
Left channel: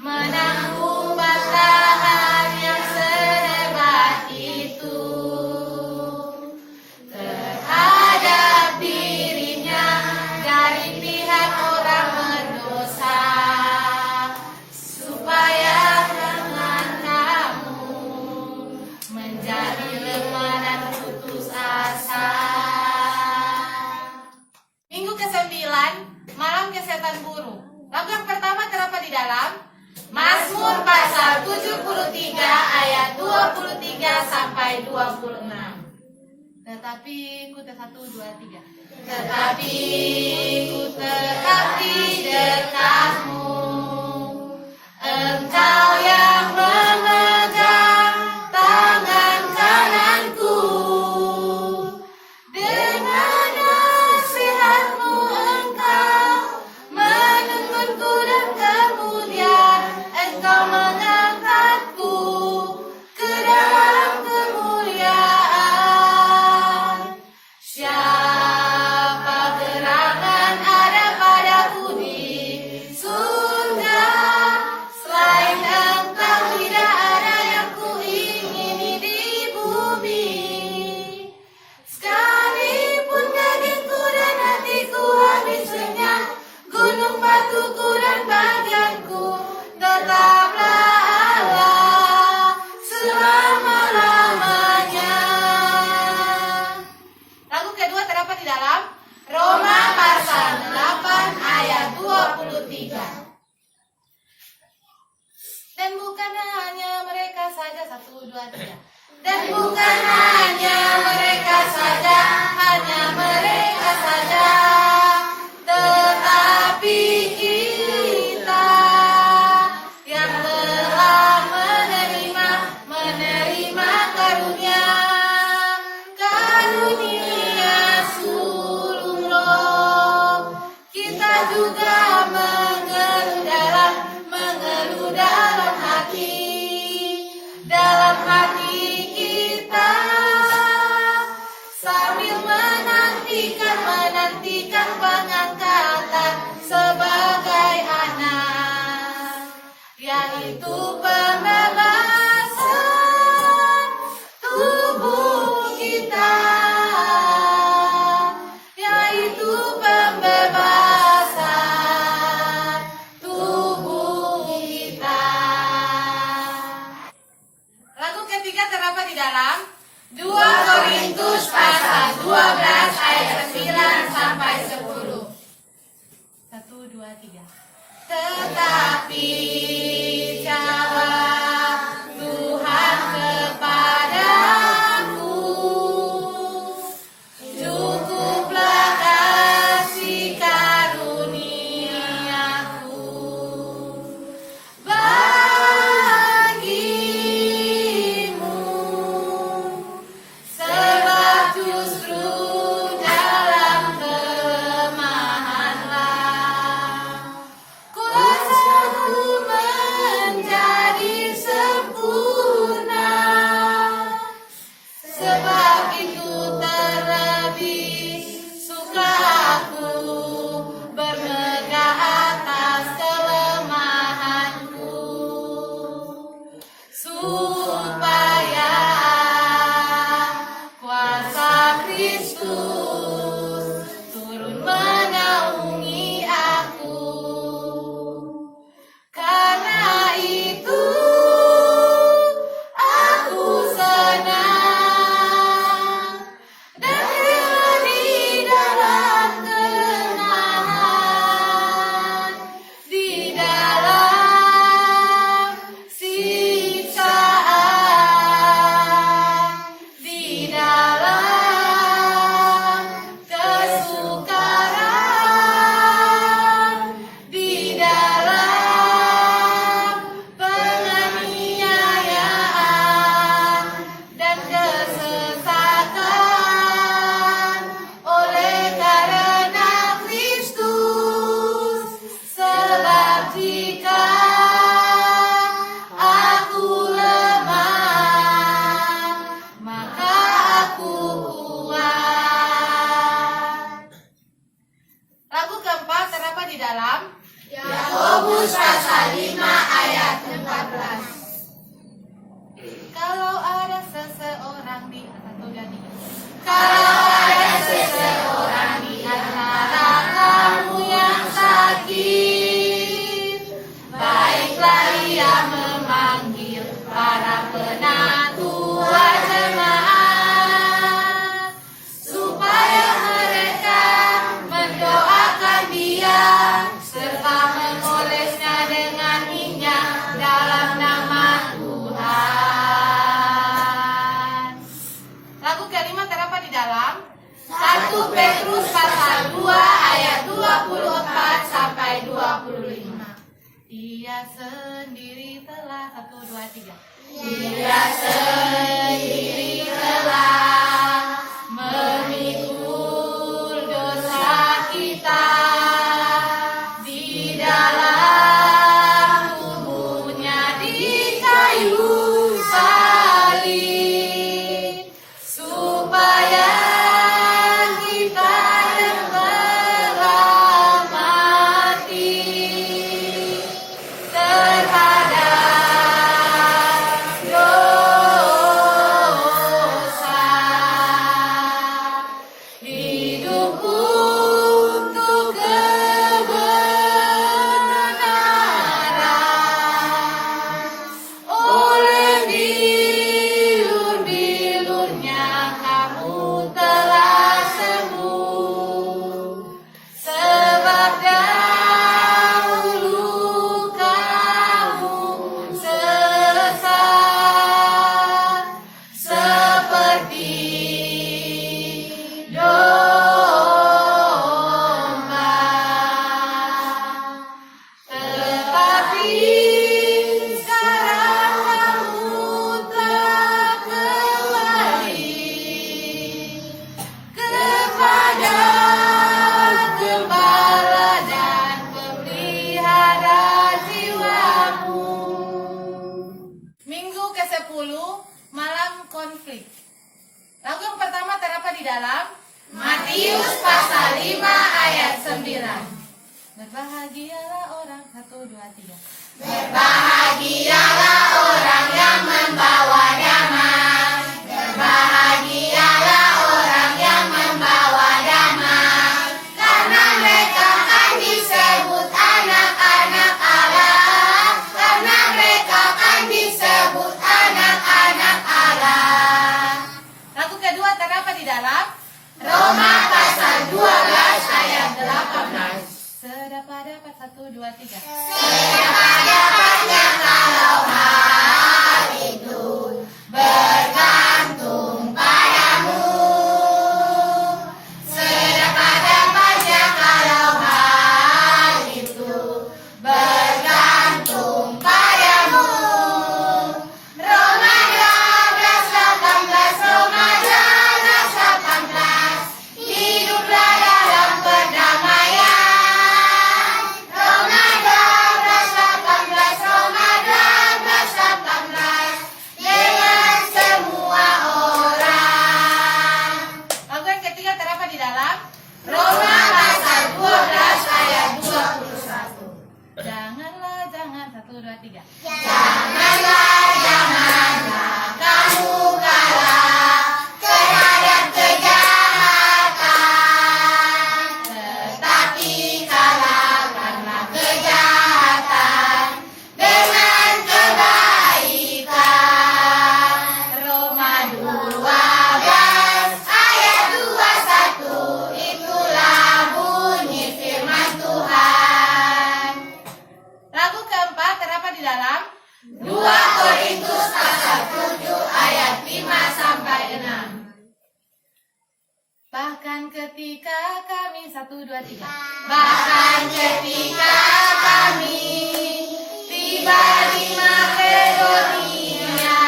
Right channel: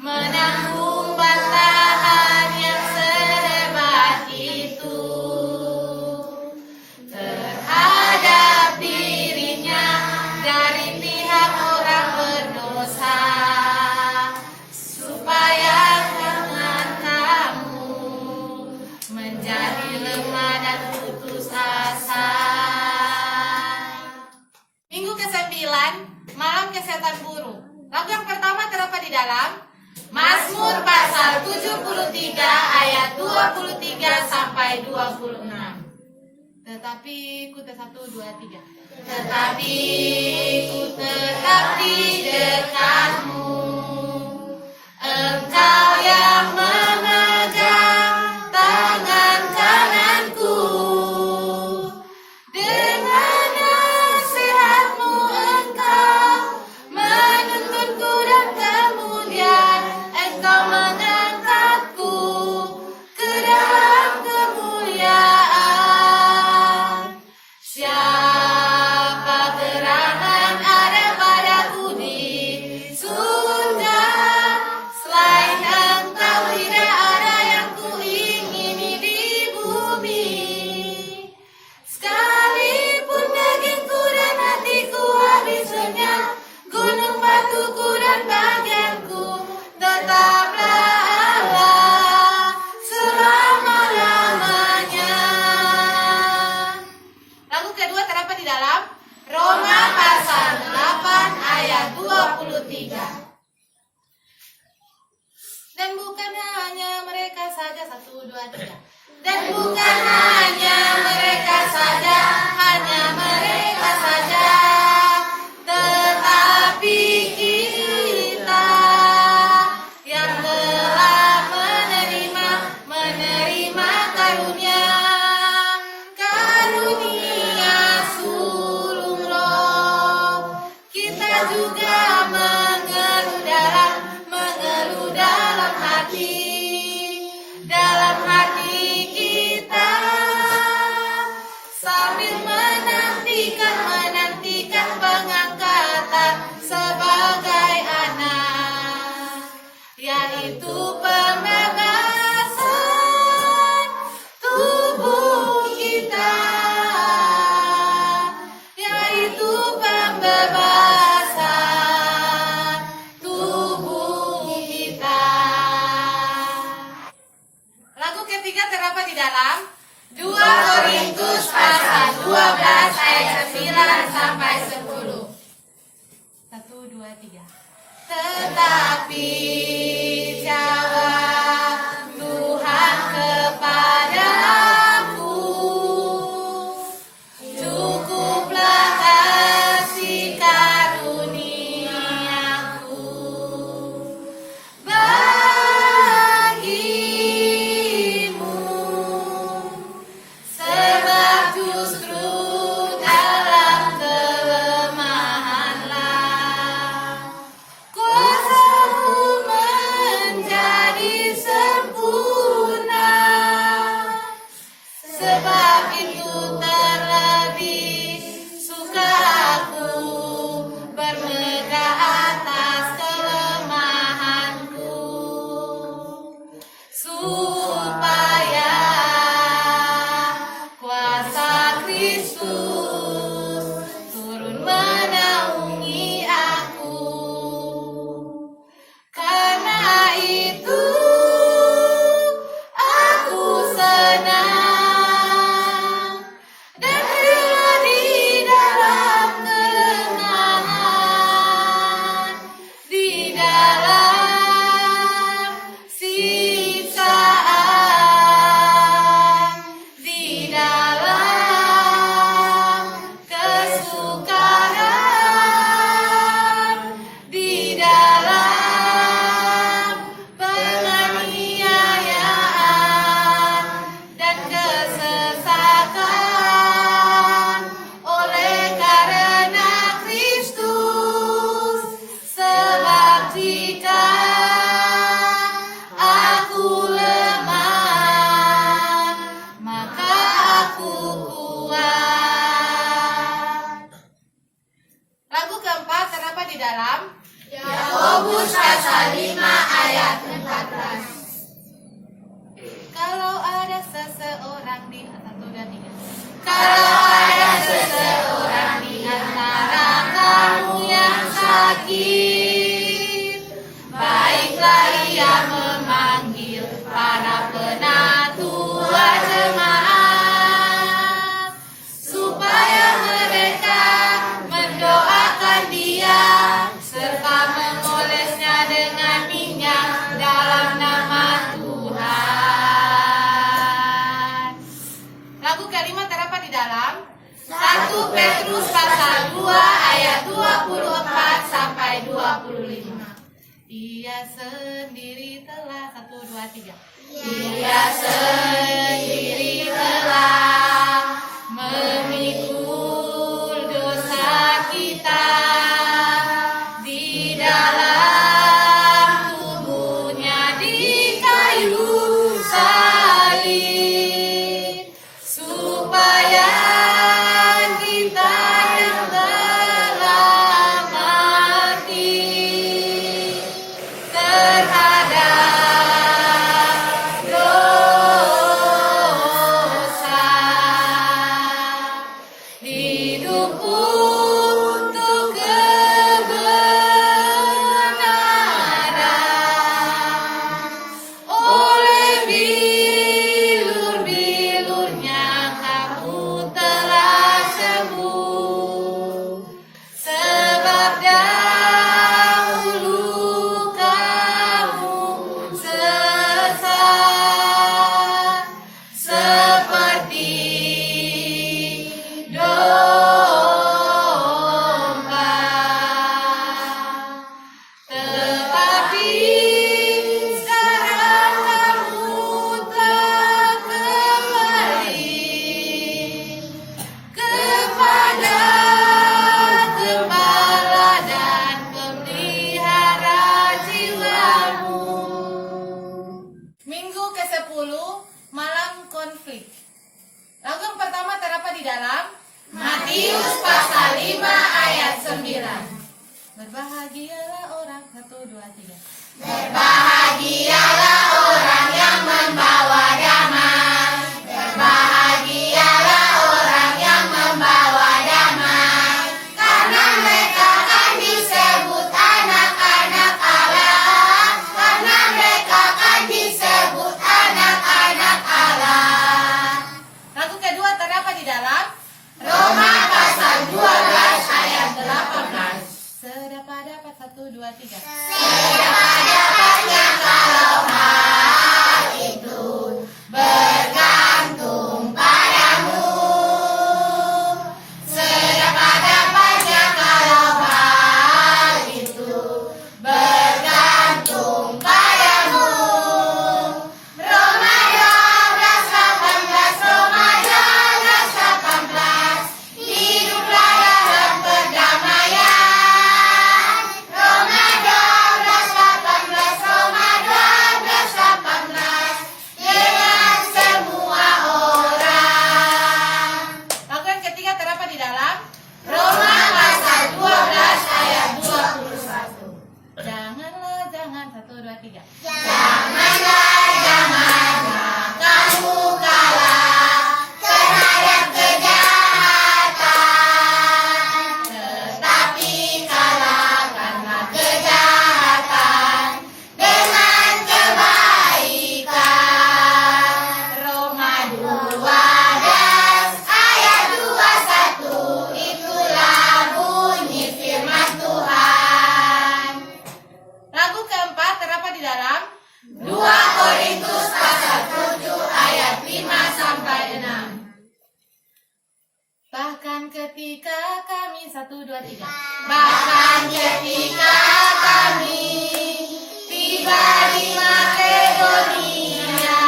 menanggung bantahan yang sehebat itu terhadap dirinya dari pihak orang berdosa, supaya jangan kamu menjadi lemah dan putus asa. Minggu ke-9 malam oleh setan buruk. Lagu yang pertama terdapat di dalam Mazmur pasal 73 ayat 23 sampai 26. Tetapi ku tetap 1, 2, 3. Tetapi ku tetap di dekatmu, Engkau yang memegang tangan kananku. Dengan nasihat-Mu Engkau menuntunku dan kemudian Engkau mengangkatku ke dalam kemuliaan. Siapa gerangan ada padaku di surga, selain Engkau tidak ada yang kuingini di bumi. Sekalipun dagingku dan hatiku habis lenyap, gunung batuku dan bagianku, tetaplah Allah selama-lamanya. Lagu kedua terdapat di dalam Roma pasal 8 ayat 23. Dan bukan hanya mereka saja, 1, 2, 3. Dan bukan hanya mereka saja, hanya mereka saja, tetapi kita yang telah menerima karunia sulung Roh, kita juga mengeluh dalam hati kita, sambil menantikan pengangkatan sebagai anak, yaitu pembebasan tubuh kita, yaitu pembebasan tubuh kita. Lagu ketiga terdapat di dalam 2 Korintus pasal 12 ayat 9 sampai 10. 1, 2, 3. Tetapi jawab Tuhan kepadaku, cukuplah kasih karuniaku bagimu, sebab justru dalam kelemahanlah kuasaku menjadi sempurna. Sebab itu terlebih suka aku bermegah atas kelemahanku, supaya kuasa Kristus turun menaungi aku. Karena itu aku senang dan rela di dalam kelengahan, di dalam siksaan, di dalam kesukaran, di dalam penganiayaan dan kesesatan, oleh karena Kristus. Sebab jika aku lemah, maka aku kuat. Lagu keempat terdapat di dalam Yakobus pasal 5 ayat 14. Kalau ada seseorang di atas kalau ada seseorang di antara kamu yang sakit, baiklah ia memanggil para penatua jemaat, supaya mereka mendoakan dia 1 Petrus pasal 2 ayat 24 sampai 25. Ia sendiri telah 1, 2, 3. Ia sendiri telah memikul dosa kita di dalam tubuhnya di kayu salib, supaya kita yang telah mati terhadap dosa, hidup untuk kebenaran. Oleh bilur-bilurnya kamu telah sembuh, sebab dahulu kamu sesat seperti domba, tetapi sekarang kamu telah kembali kepada Gembala dan Pemelihara jiwamu. Minggu ke-10, malam konflik. Lagu yang pertama terdapat di dalam Matius pasal 5 ayat 9. Berbahagialah orang, 1, 2, 3. Berbahagialah orang yang membawa damai. Berbahagialah orang yang membawa damai, karena mereka akan disebut anak-anak Allah. Karena mereka akan disebut anak-anak Allah. Lagu kedua terdapat di dalam Roma pasal 12 ayat 18. Sedapat-dapat, 1, 2, 3. Sedapat-dapatnya kalau hal itu bergantung padamu. Sedapat-dapatnya kalau hal itu bergantung padamu. Roma 12:18, Roma 12:18. Hiduplah dalam perdamaian. Roma 12:18, Roma 12:18. Dengan semua orang. Lagu yang ketiga terdapat di dalam Roma pasal 12 ayat 21. Janganlah, jangan, 1, 2, 3. Janganlah, janganlah kamu kalah terhadap kejahatan, tetapi kalahkanlah kejahatan dengan kebaikan. Roma 12 ayat 21, itulah bunyi firman Tuhan. Lagu keempat terdapat di dalam 2 Korintus pasal 7 ayat 5 sampai 6. Bahkan ketika kami, 1, 2, 3. Bahkan ketika kami tiba di Makedonia,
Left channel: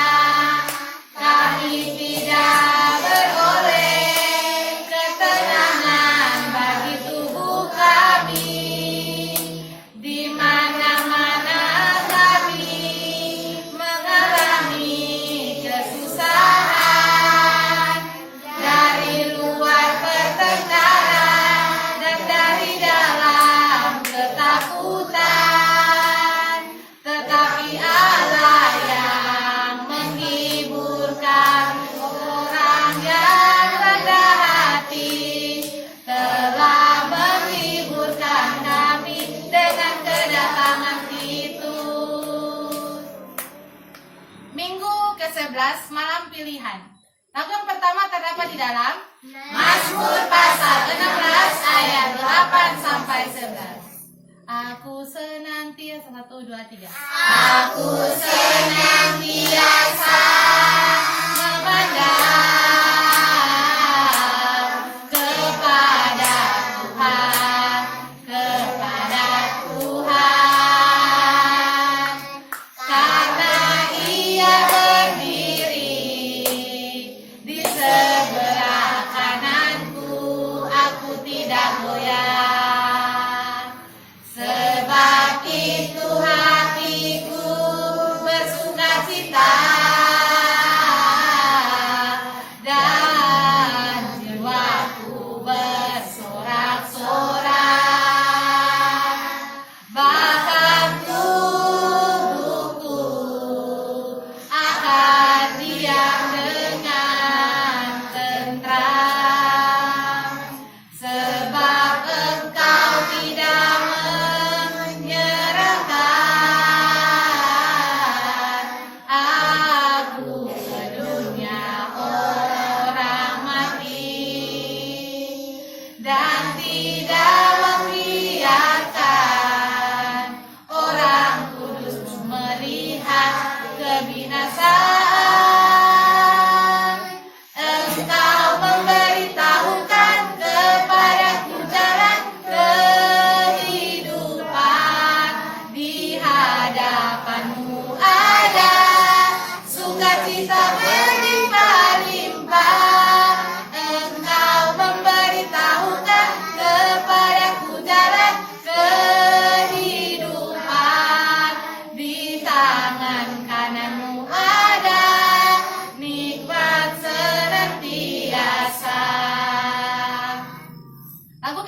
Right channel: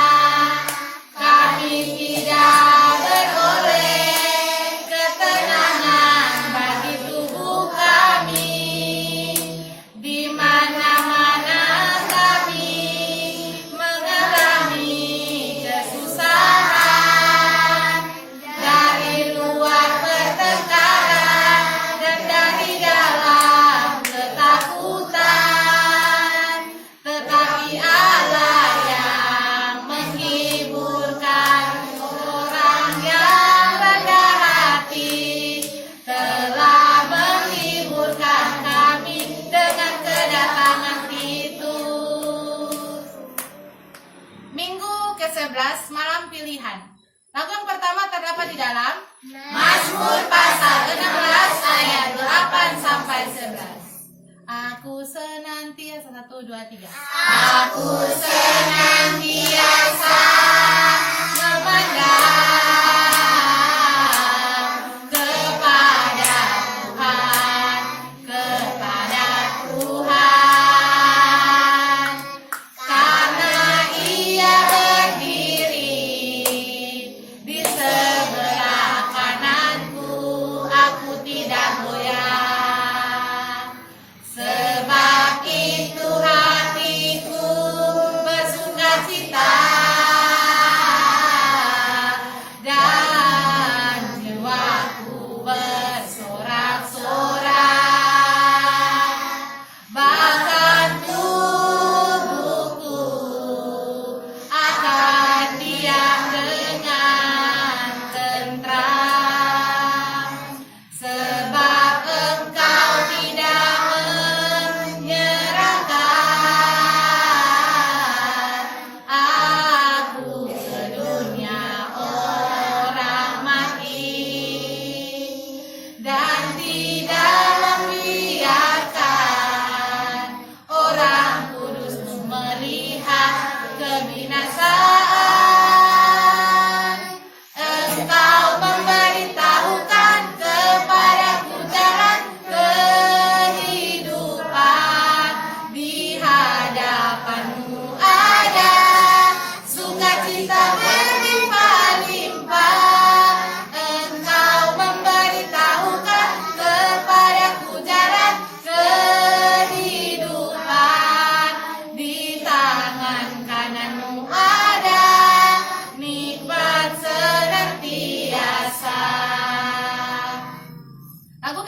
kami tidak beroleh ketenangan bagi tubuh kami. Di mana-mana kami mengalami kesusahan, dari luar pertengkaran dan dari dalam ketakutan. Tetapi Allah yang menghiburkan orang yang rendah hati telah menghiburkan kami dengan kedatangan Titus. Minggu ke-11, malam pilihan. Lagu yang pertama terdapat di dalam Mazmur pasal 16 ayat 8 sampai 11. Aku senantiasa, 1, 2, 3. Aku senantiasa memandang ke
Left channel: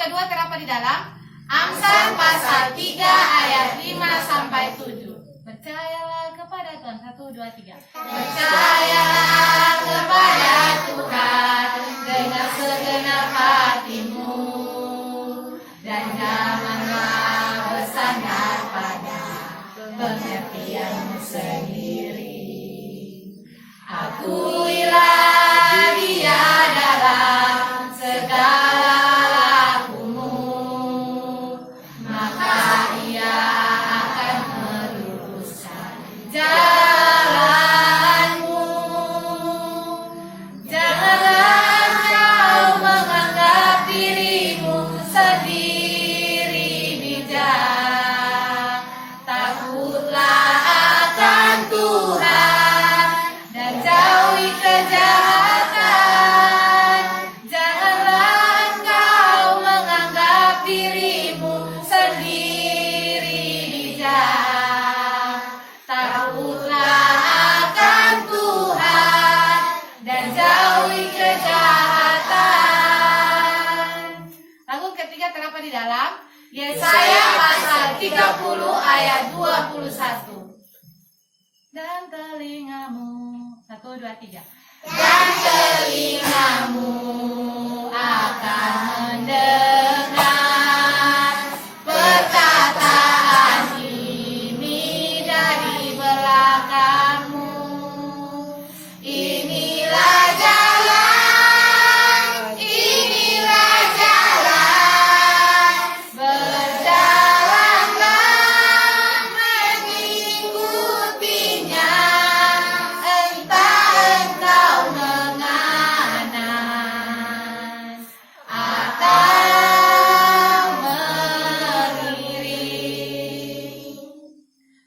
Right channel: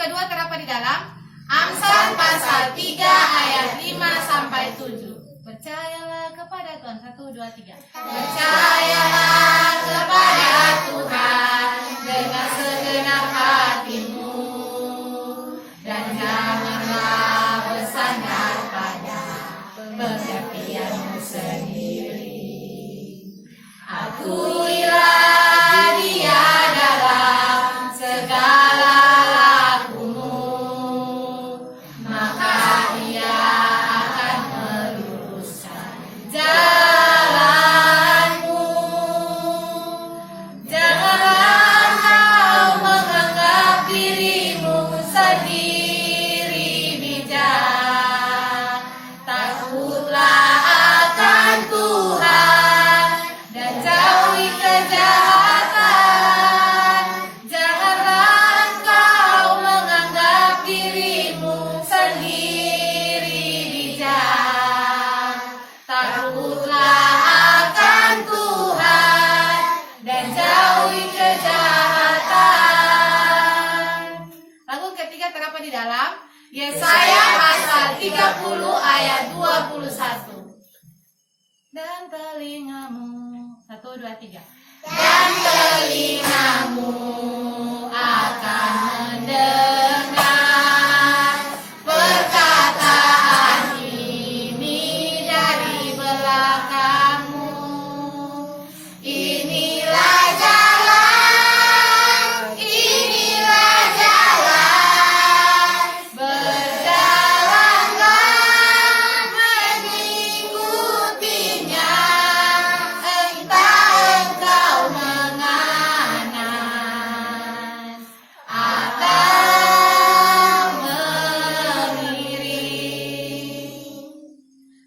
kedua terdapat di dalam Amsal pasal 3 ayat 5 sampai 7. Percayalah kepada Tuhan. 1, 2, 3. Percayalah kepada Tuhan dengan segenap hatimu, dan janganlah bersandar pada pengertianmu sendiri. Akuilah Dia dalam segala lakumu, maka Ia akan meluruskan jalanmu. Janganlah kau menganggap dirimu sendiri bijak. Takutlah akan Tuhan dan jauhi kejahatan. Janganlah engkau menganggap dirimu sendiri bijak. Takutlah akan Tuhan dan jauhi kejahatan. Lagu ketiga terdapat di dalam Yesaya pasal 30 ayat 21. Dan telingamu, 1, 2, 3. Dan telingamu akan mendengar perkataan ini dari belakangmu. Inilah jalan, berjalanlah mengikutinya. Entah engkau menganas atau melirik.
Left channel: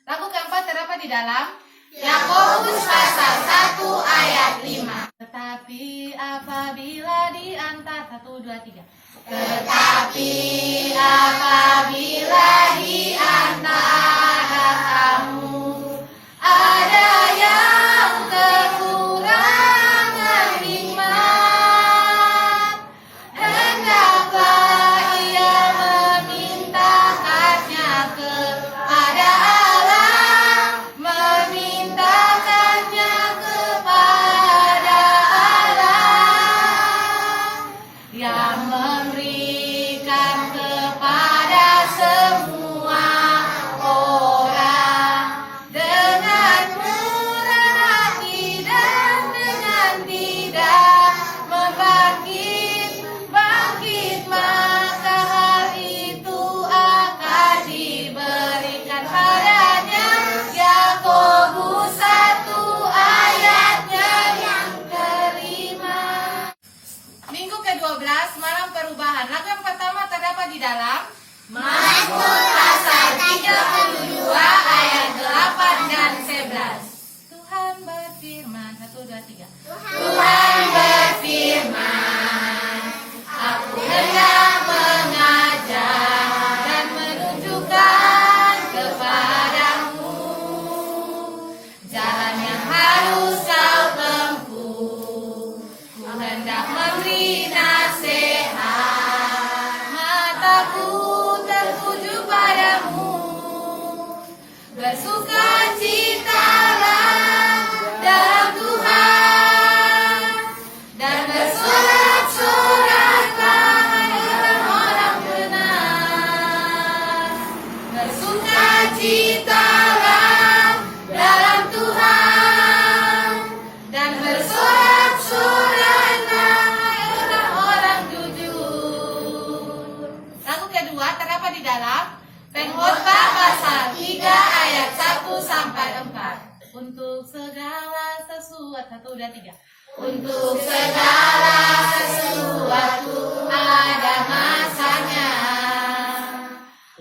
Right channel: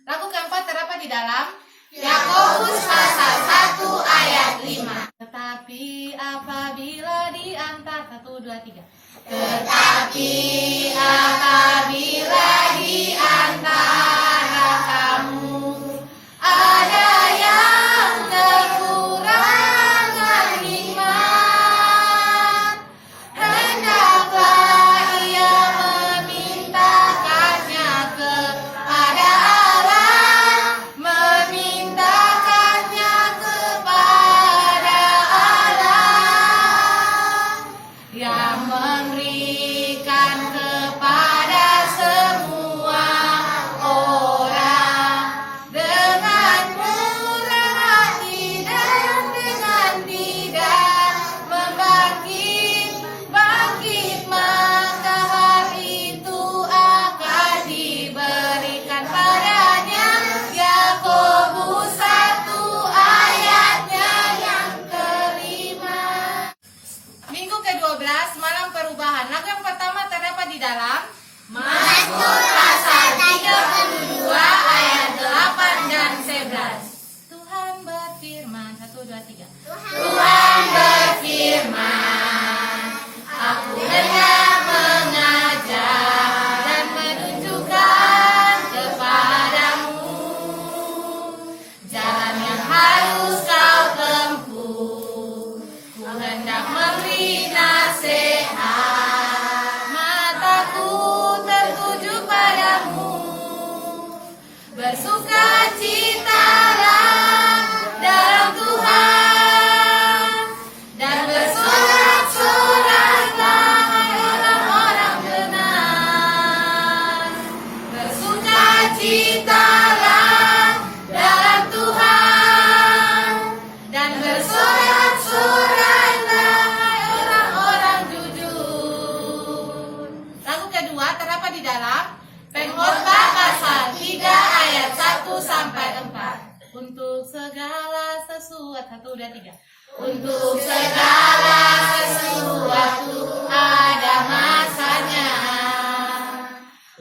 Lagu keempat terdapat di dalam Yakobus pasal 1 ayat 5. Tetapi apabila di antara 1, 2, 3. Tetapi apabila di antara kamu ada yang kekurangan iman, hendaklah ia memintakannya kepada Allah, memintakannya kepada Allah yang memberikan kepada semua orang dengan murah hati dan dengan tidak bangkit, maka hal itu akan diberikan padanya. Yakobus 1 ayatnya yang kelima. Minggu ke-12, malam perubahan. Lagu yang pertama terdapat di dalam Mazmur pasal 32 ayat 8 dan 11. Tuhan berfirman, 1, 2, 3. Tuhan berfirman, aku hendak mengajar dan menunjukkan kepadamu jalan yang harus kau tempuh. Ku hendak memberi nasihat, mataku tertuju padamu. Bersukacitalah dalam Tuhan, dan bersorak-soraklah orang-orang benar. Bersukacitalah dalam Tuhan, dan bersorak-soraklah orang-orang jujur. Lagu kedua terdapat di dalam Pengkhotbah pasal 3 ayat 1 sampai 4. Untuk segala sesuatu, 1, 2, 3. Untuk segala sesuatu ada masanya.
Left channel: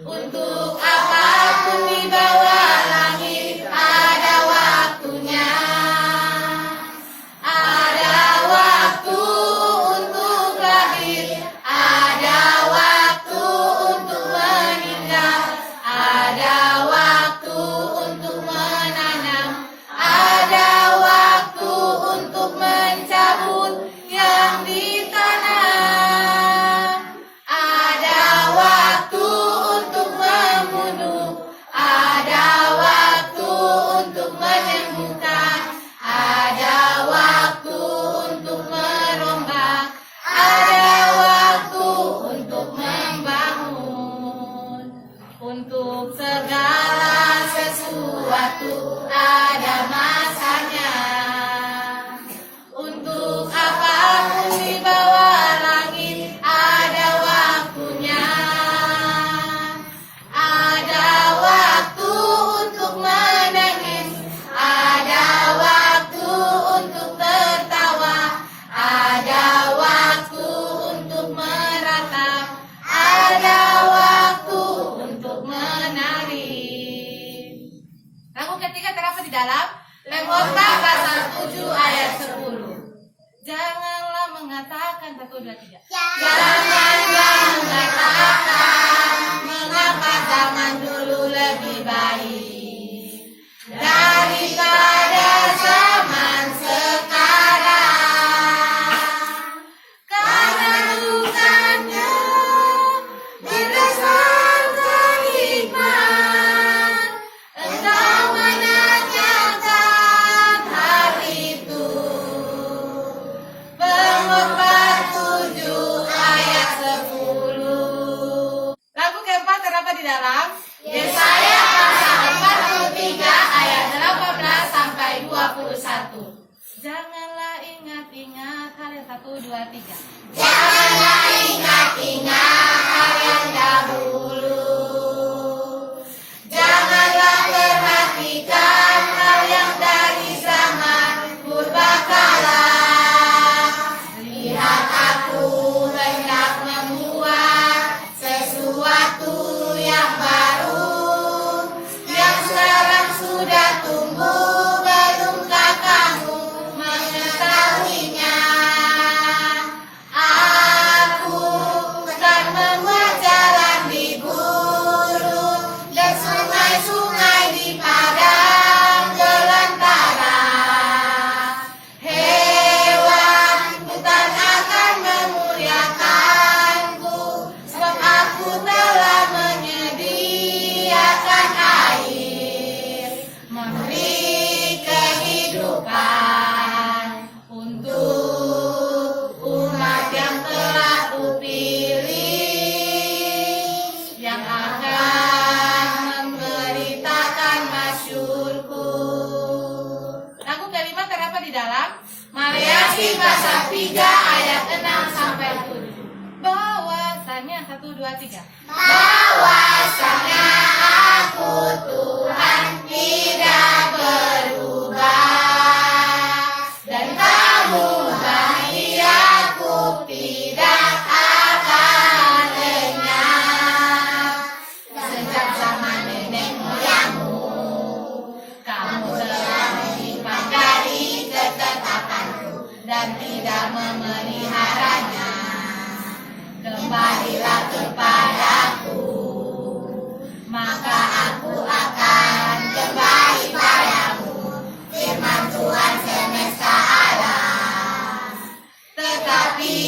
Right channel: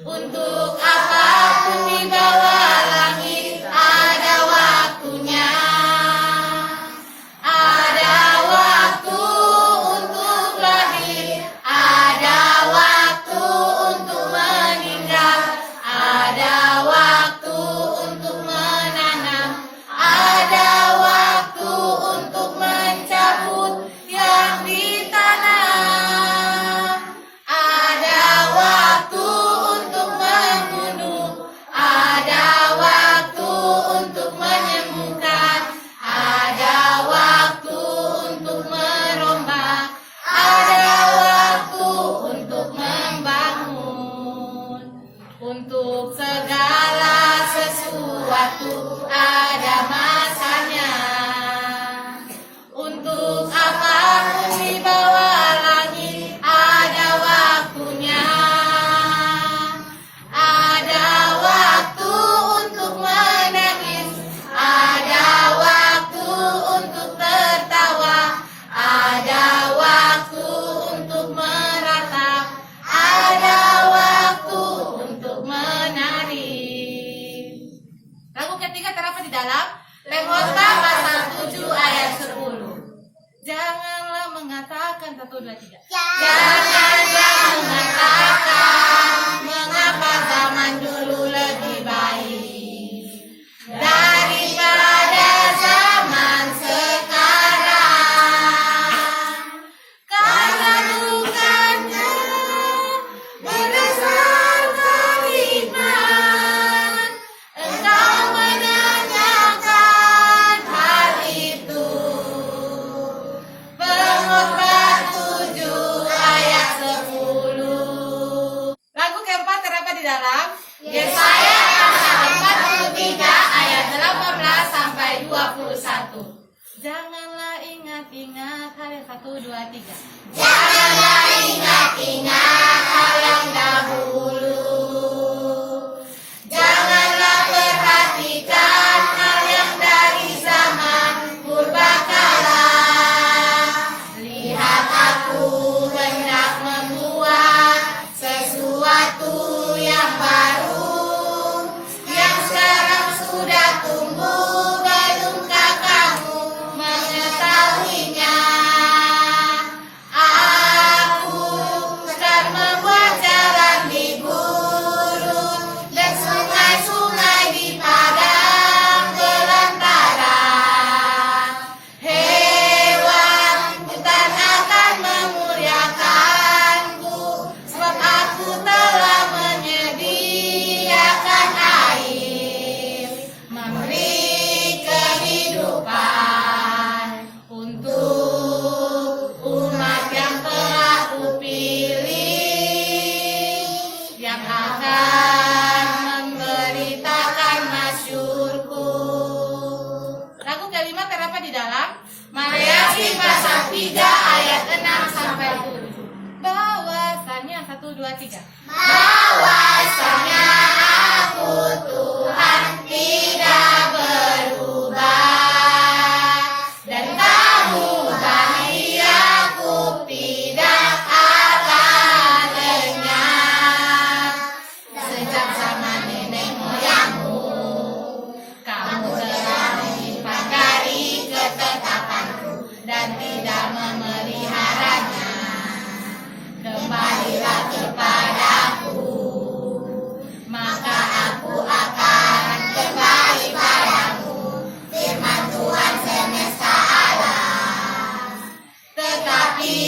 Untuk apapun di bawah langit ada waktunya. Ada waktu untuk lahir, ada waktu untuk meninggal, ada waktu untuk menanam, ada waktu untuk mencabut. mengatakan 1, 2, 3. Janganlah mengatakan mengapa zaman dulu lebih baik daripada zaman sekarang. Karena bukannya berdasarkan hikmat engkau menanyakan hal itu. Pengkhotbah 7 ayat 10. Lagu keempat terdapat di dalam Yesaya pasal 43 ayat 18 sampai 21. Janganlah ingat-ingat hal yang 1, 2, 3. Janganlah ingat-ingat hal yang dahulu. Janganlah perhatikan hal yang dari zaman purbakala. Lihat, aku hendak membuat sesuatu yang baru, yang sekarang sudah tumbuh, belumkah kamu mengetahuinya? Aku akan membuat jalan di gurun dan sungai-sungai di padang belantara. Hewan hutan akan memuliakanku, sebab aku telah menyediakan air, memberi kehidupan untuk umat yang telah kupilih, yang akan memberitakan masyurku. Lagu kelima terdapat di dalam Maleakhi pasal 3 ayat 6 sampai 7. bahwasannya 1, 2, 3. Bahwasanya aku Tuhan tidak berubah, dan kamu bayi aku tidak akan lenyap. Sejak zaman nenek moyangmu, kamu telah menyimpan dari ketetapanku dan tidak memeliharanya. Kembalilah kepadaku, maka aku akan kembali padamu, firman Tuhan semesta alam. Tetapi